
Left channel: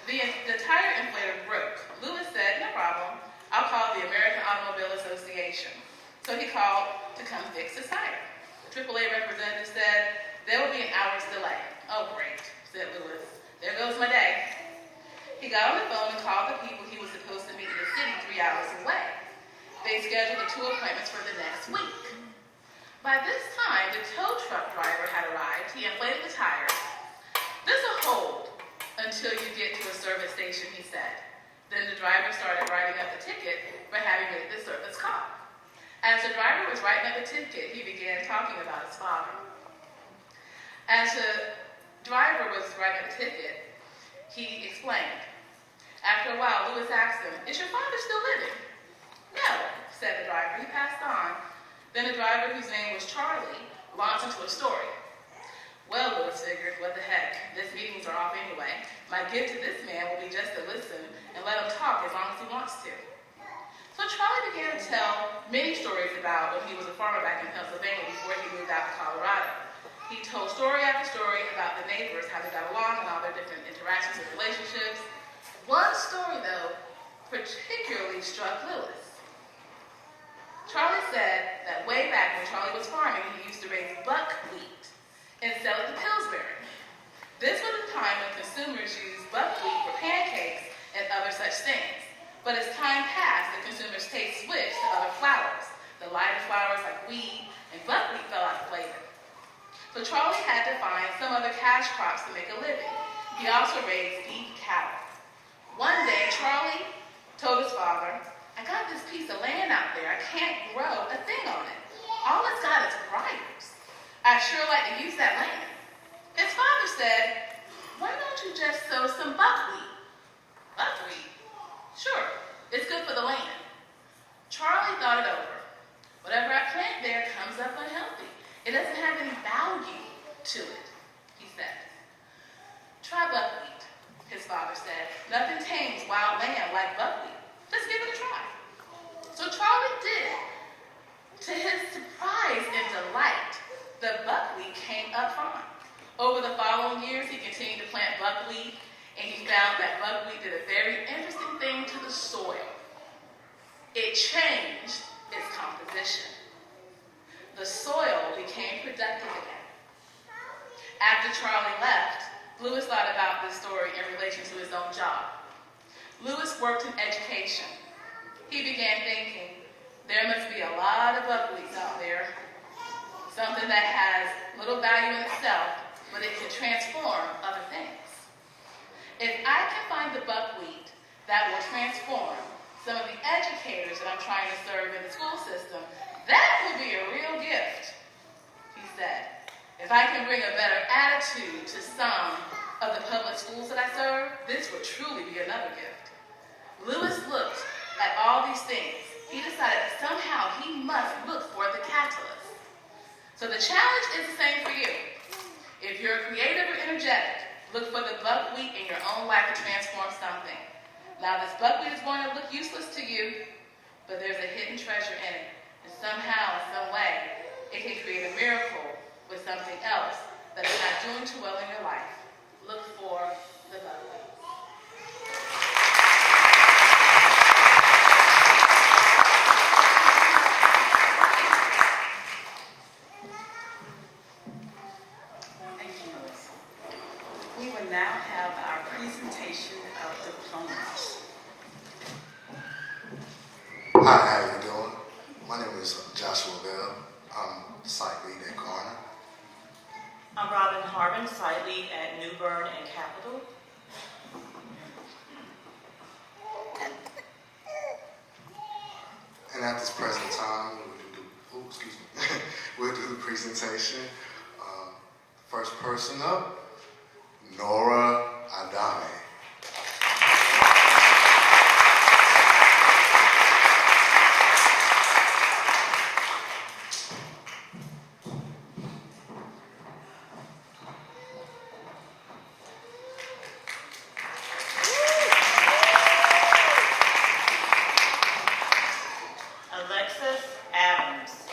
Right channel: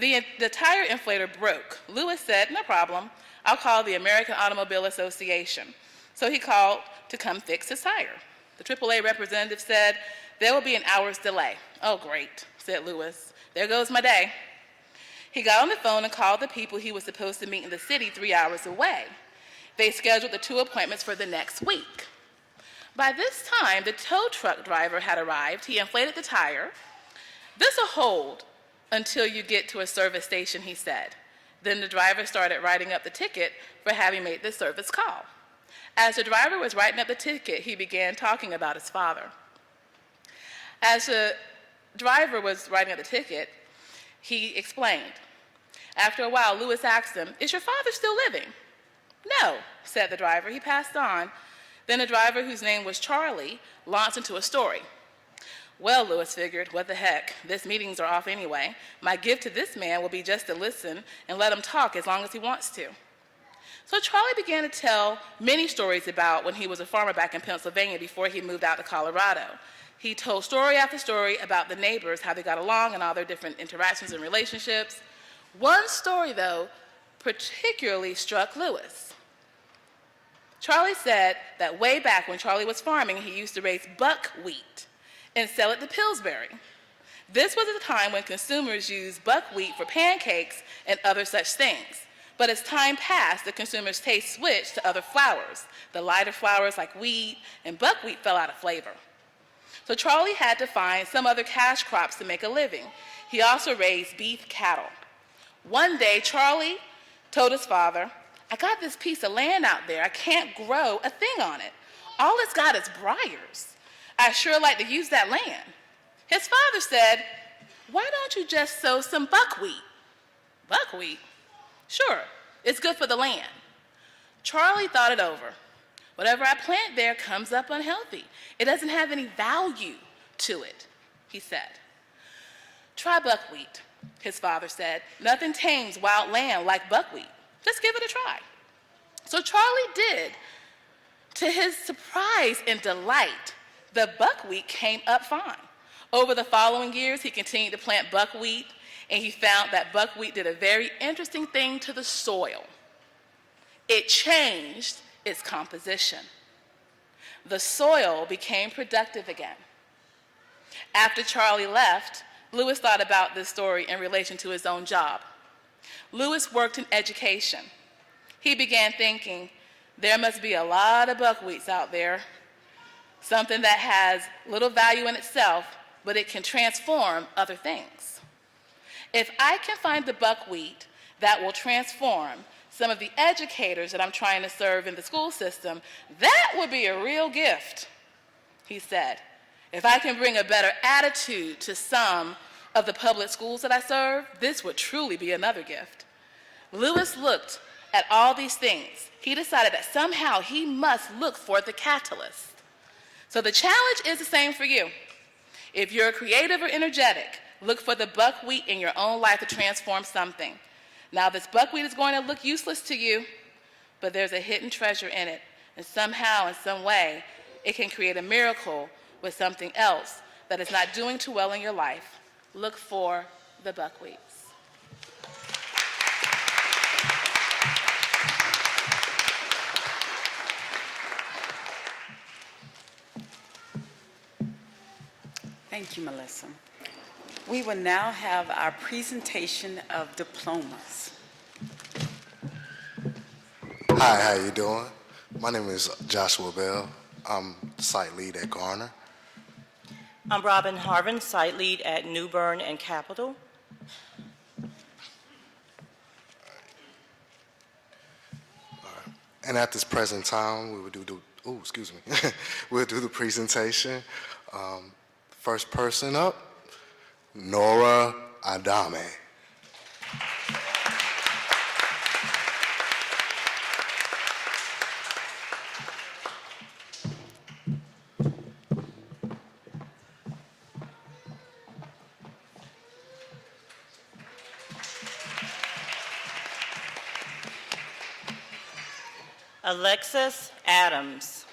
The tire inflator broke. Lewis said, no problem, I'll call the American Automobile Association. So he called to come fix his tire. The AAA representative said, there will be an hour's delay. Oh, great, said Lewis. There goes my day. He got on the phone and called the people he was supposed to meet in the city 3 hours away. They scheduled the 2 appointments for the next week. By this time, the tow truck driver had arrived. He inflated the tire. This will hold until you get to a service station, he said. Then the driver started writing up the ticket for having made the service call. As the driver was writing up the ticket, he began talking about his father. As the driver was writing up the ticket, he explained. After a while, Lewis asked him, is your father still living? No, said the driver. He passed on. Then the driver, whose name was Charlie, launched into a story. Well, Lewis figured, what the heck? These meetings are off anyway. My gift to this man will be just to listen and let him talk as long as he wants to. So Charlie began to tell many stories about when he was a farmer back in Pennsylvania before he moved out to Colorado. He told story after story about the neighbors, how they got along and all their different interactions and relationships. One story, though, particularly struck Lewis. Charlie said that way back when Charlie was farming, he used to raise buckwheat and sell it to Pillsbury. This was at the time when consumers used buckwheat for pancakes and other such things. But as time passed, the consumers' taste switched to other flours. The lighter flours like wheat and buckwheat fell out of flavor. So Charlie had to find some other cash crops to make a living. He also raised beef cattle. One day, Charlie told his father, I got this piece of land out there. I can't grow a thing on it. All it's got is briars. I'd sure like to use that land. His father said, why don't you just sow some buckwheat? Buckwheat? Sure, it's good for the land. Charlie thought it over. Whatever I plant there comes up unhealthy. It doesn't have any value to it, he said. Try buckwheat, his father said. Nothing tames wild land like buckwheat. Just give it a try. So Charlie did. To his surprise and delight, the buckwheat came up fine. Over the following years, he continued to plant buckwheat, and he found that buckwheat did a very interesting thing to the soil. It changed its composition. The soil became productive again. After Charlie left, Lewis thought about this story in relation to his own job. Lewis worked in education. He began thinking, there must be a lot of buckwheats out there, something that has little value in itself, but it can transform other things. If I can find the buckwheat that will transform some of the educators that I'm trying to serve in the school system, that would be a real gift, he said. If I can bring a better attitude to some of the public schools that I serve, this would truly be another gift. Lewis looked at all these things. He decided that somehow he must look for the catalyst. So the challenge is the same for you. If you're creative or energetic, look for the buckwheat in your own life to transform something. Now, this buckwheat is going to look useless to you, but there's a hidden treasure in it. And somehow, in some way, it can create a miracle with something else that is not doing too well in your life, look for the Buckleys. Thank you, Melissa. We will now have our presentation of diplomas. Hi, how you doing? My name is Joshua Bell. I'm the site lead at Garner. I'm Robin Harvin, site lead at New Bern and Capitol. And at this present time, we'll do the presentation. First person up, Nora Adame. Alexis Adams.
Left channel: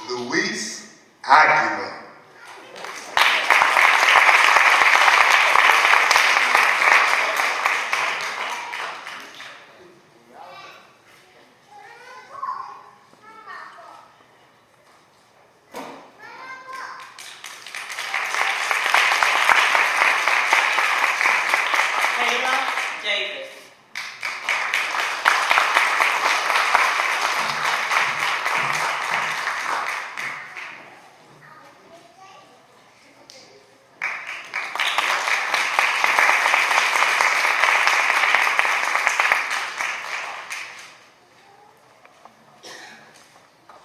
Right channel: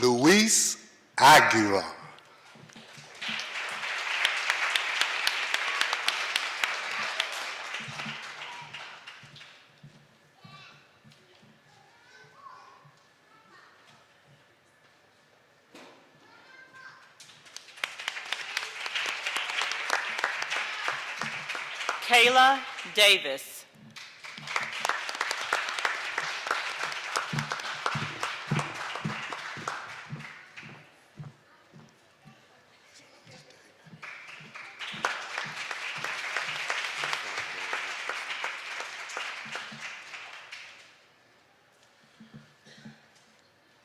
Luis Aguirre. Kayla Davis.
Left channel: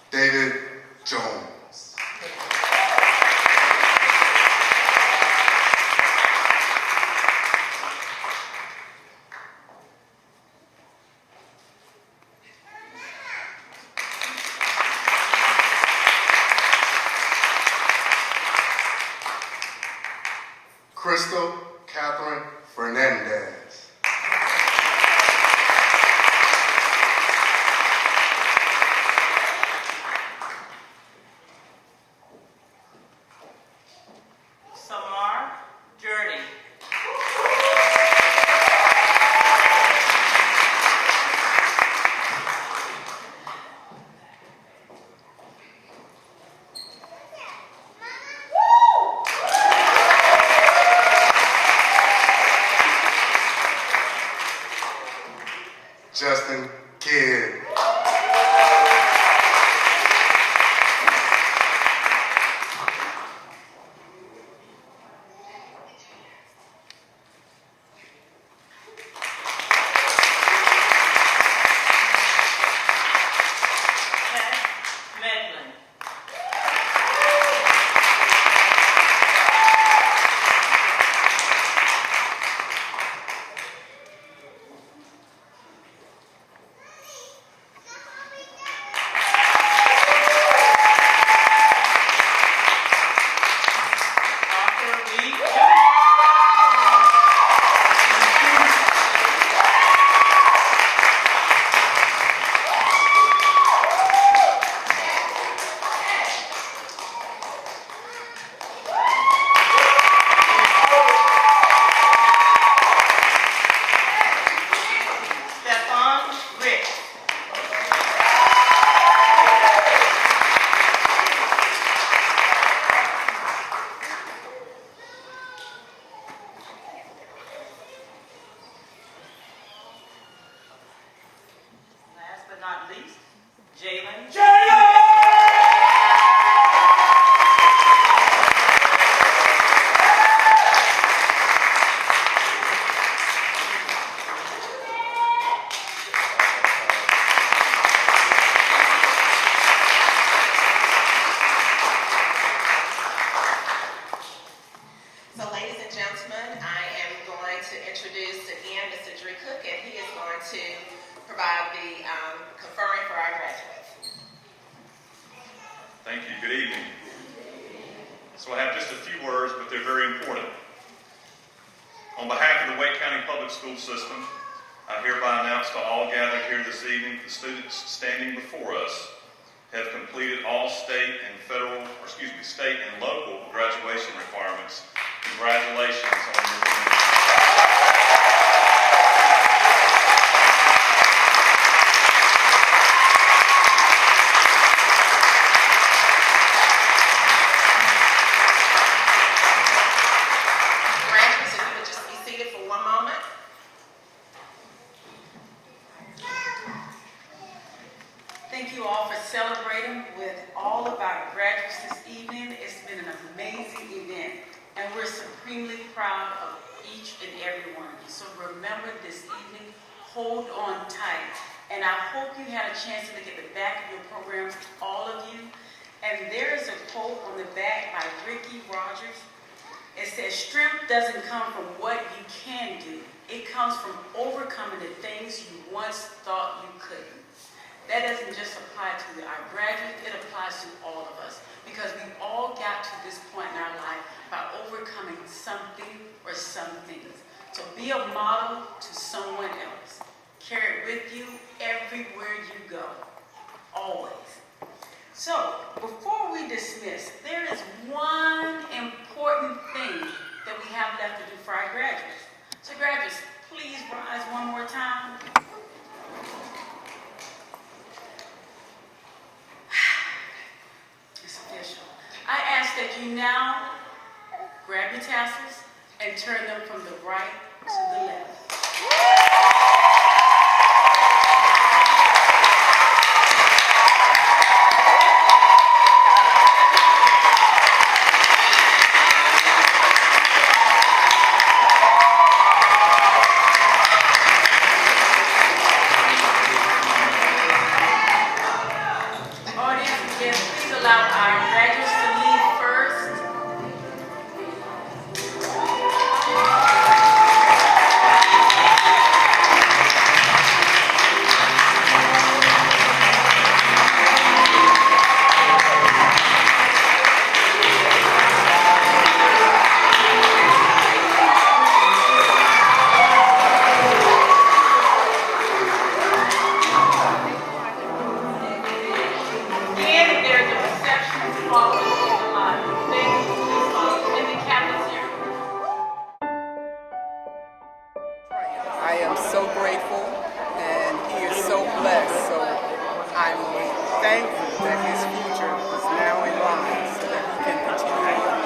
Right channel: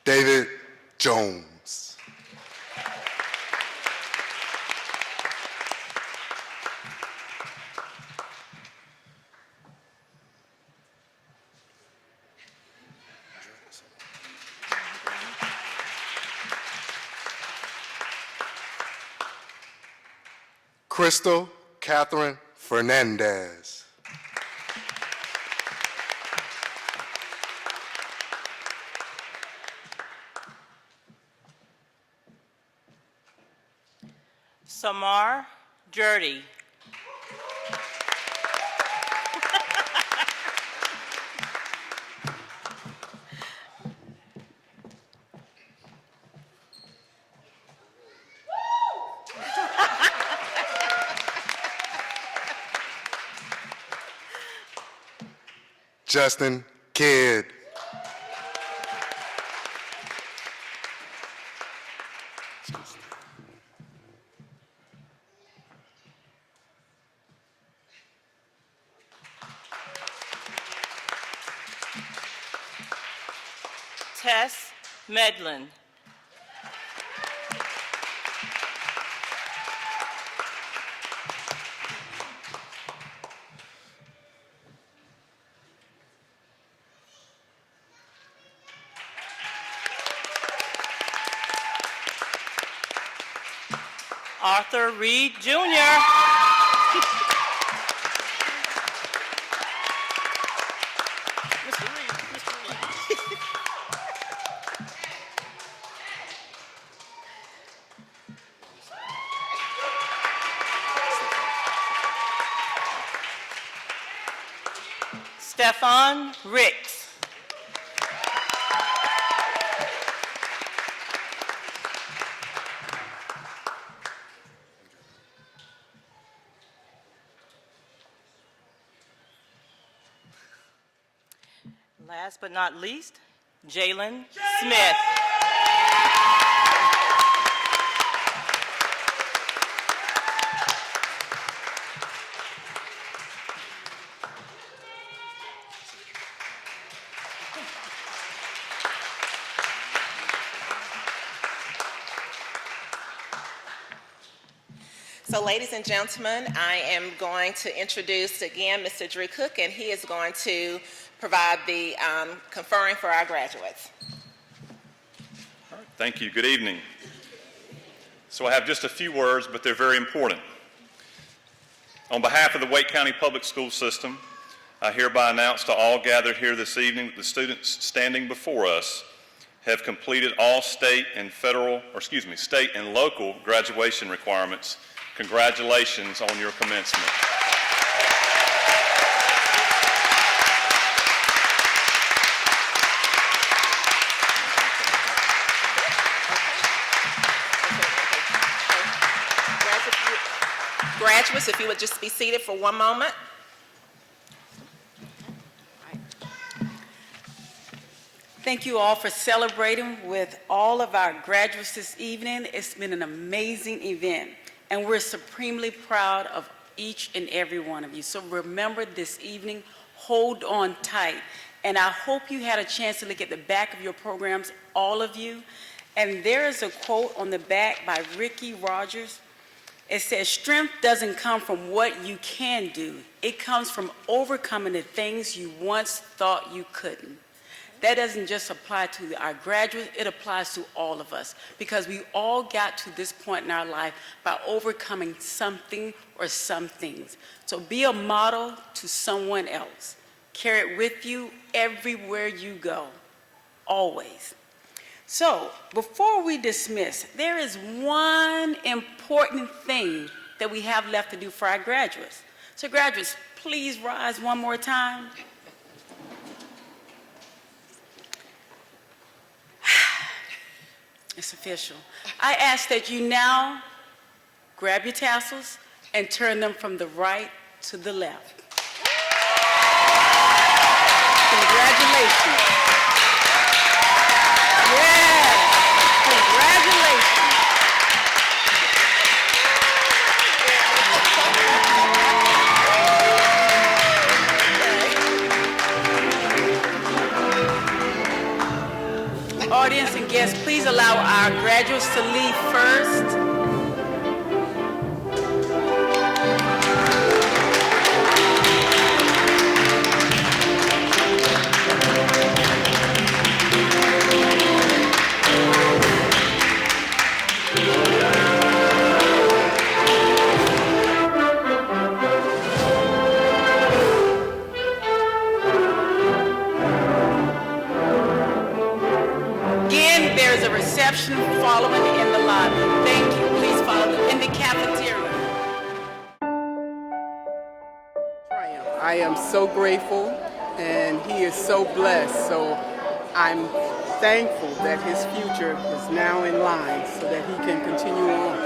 David Jones. Crystal Catherine Fernandez. Samar Jurdy. Justin Kidd. Tess Medlin. Arthur Reed Jr. Stefan Ricks. Last but not least, Jalen Smith. So ladies and gentlemen, I am going to introduce again Mr. Drew Cook, and he is going to provide the conferring for our graduates. Thank you. Good evening. So I have just a few words, but they're very important. On behalf of the Wake County Public School System, I hereby announce to all gathered here this evening, the students standing before us have completed all state and local graduation requirements. Congratulations on your commencement. Graduates, if you would just be seated for one moment. Thank you all for celebrating with all of our graduates this evening. It's been an amazing event, and we're supremely proud of each and every one of you. So remember this evening, hold on tight. And I hope you had a chance to look at the back of your programs, all of you. And there is a quote on the back by Ricky Rogers. It says, strength doesn't come from what you can do. It comes from overcoming the things you once thought you couldn't. That doesn't just apply to our graduates, it applies to all of us, because we all got to this point in our life by overcoming something or some things. So be a model to someone else. Carry it with you everywhere you go, always. So before we dismiss, there is one important thing that we have left to do for our graduates. So graduates, please rise one more time. It's official. I ask that you now grab your tassels and turn them from the right to the left. Congratulations. Yeah. Congratulations. Audience and guests, please allow our graduates to leave first. Again, there is a reception following in the lobby. Thank you. Please follow in the cafeteria. I am so grateful, and he is so blessed. So I'm thankful that his future is now in line so that he can continue on.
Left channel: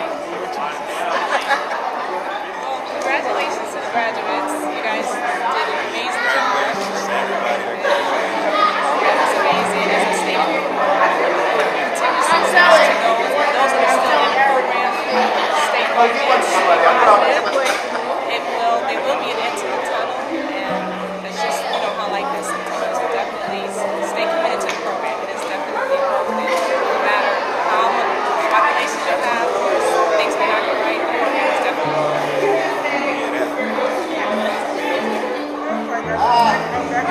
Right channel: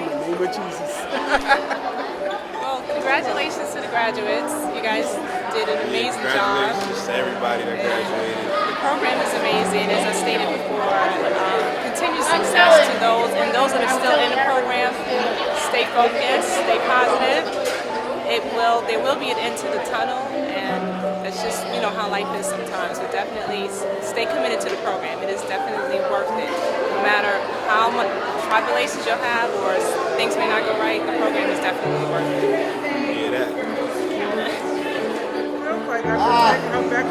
In the name of Jesus. Well, congratulations to the graduates. You guys did an amazing job. Congratulations to everybody that graduated. The program is amazing. As I stated before, continued success to those, and those that are still in the program, stay focused, stay positive. There will be an end to the tunnel, and it's just, how life is sometimes. But definitely stay committed to the program. It is definitely worth it. No matter how much tribulations you'll have or things may not go right, the program is definitely worth it. Yeah, that. Real quick,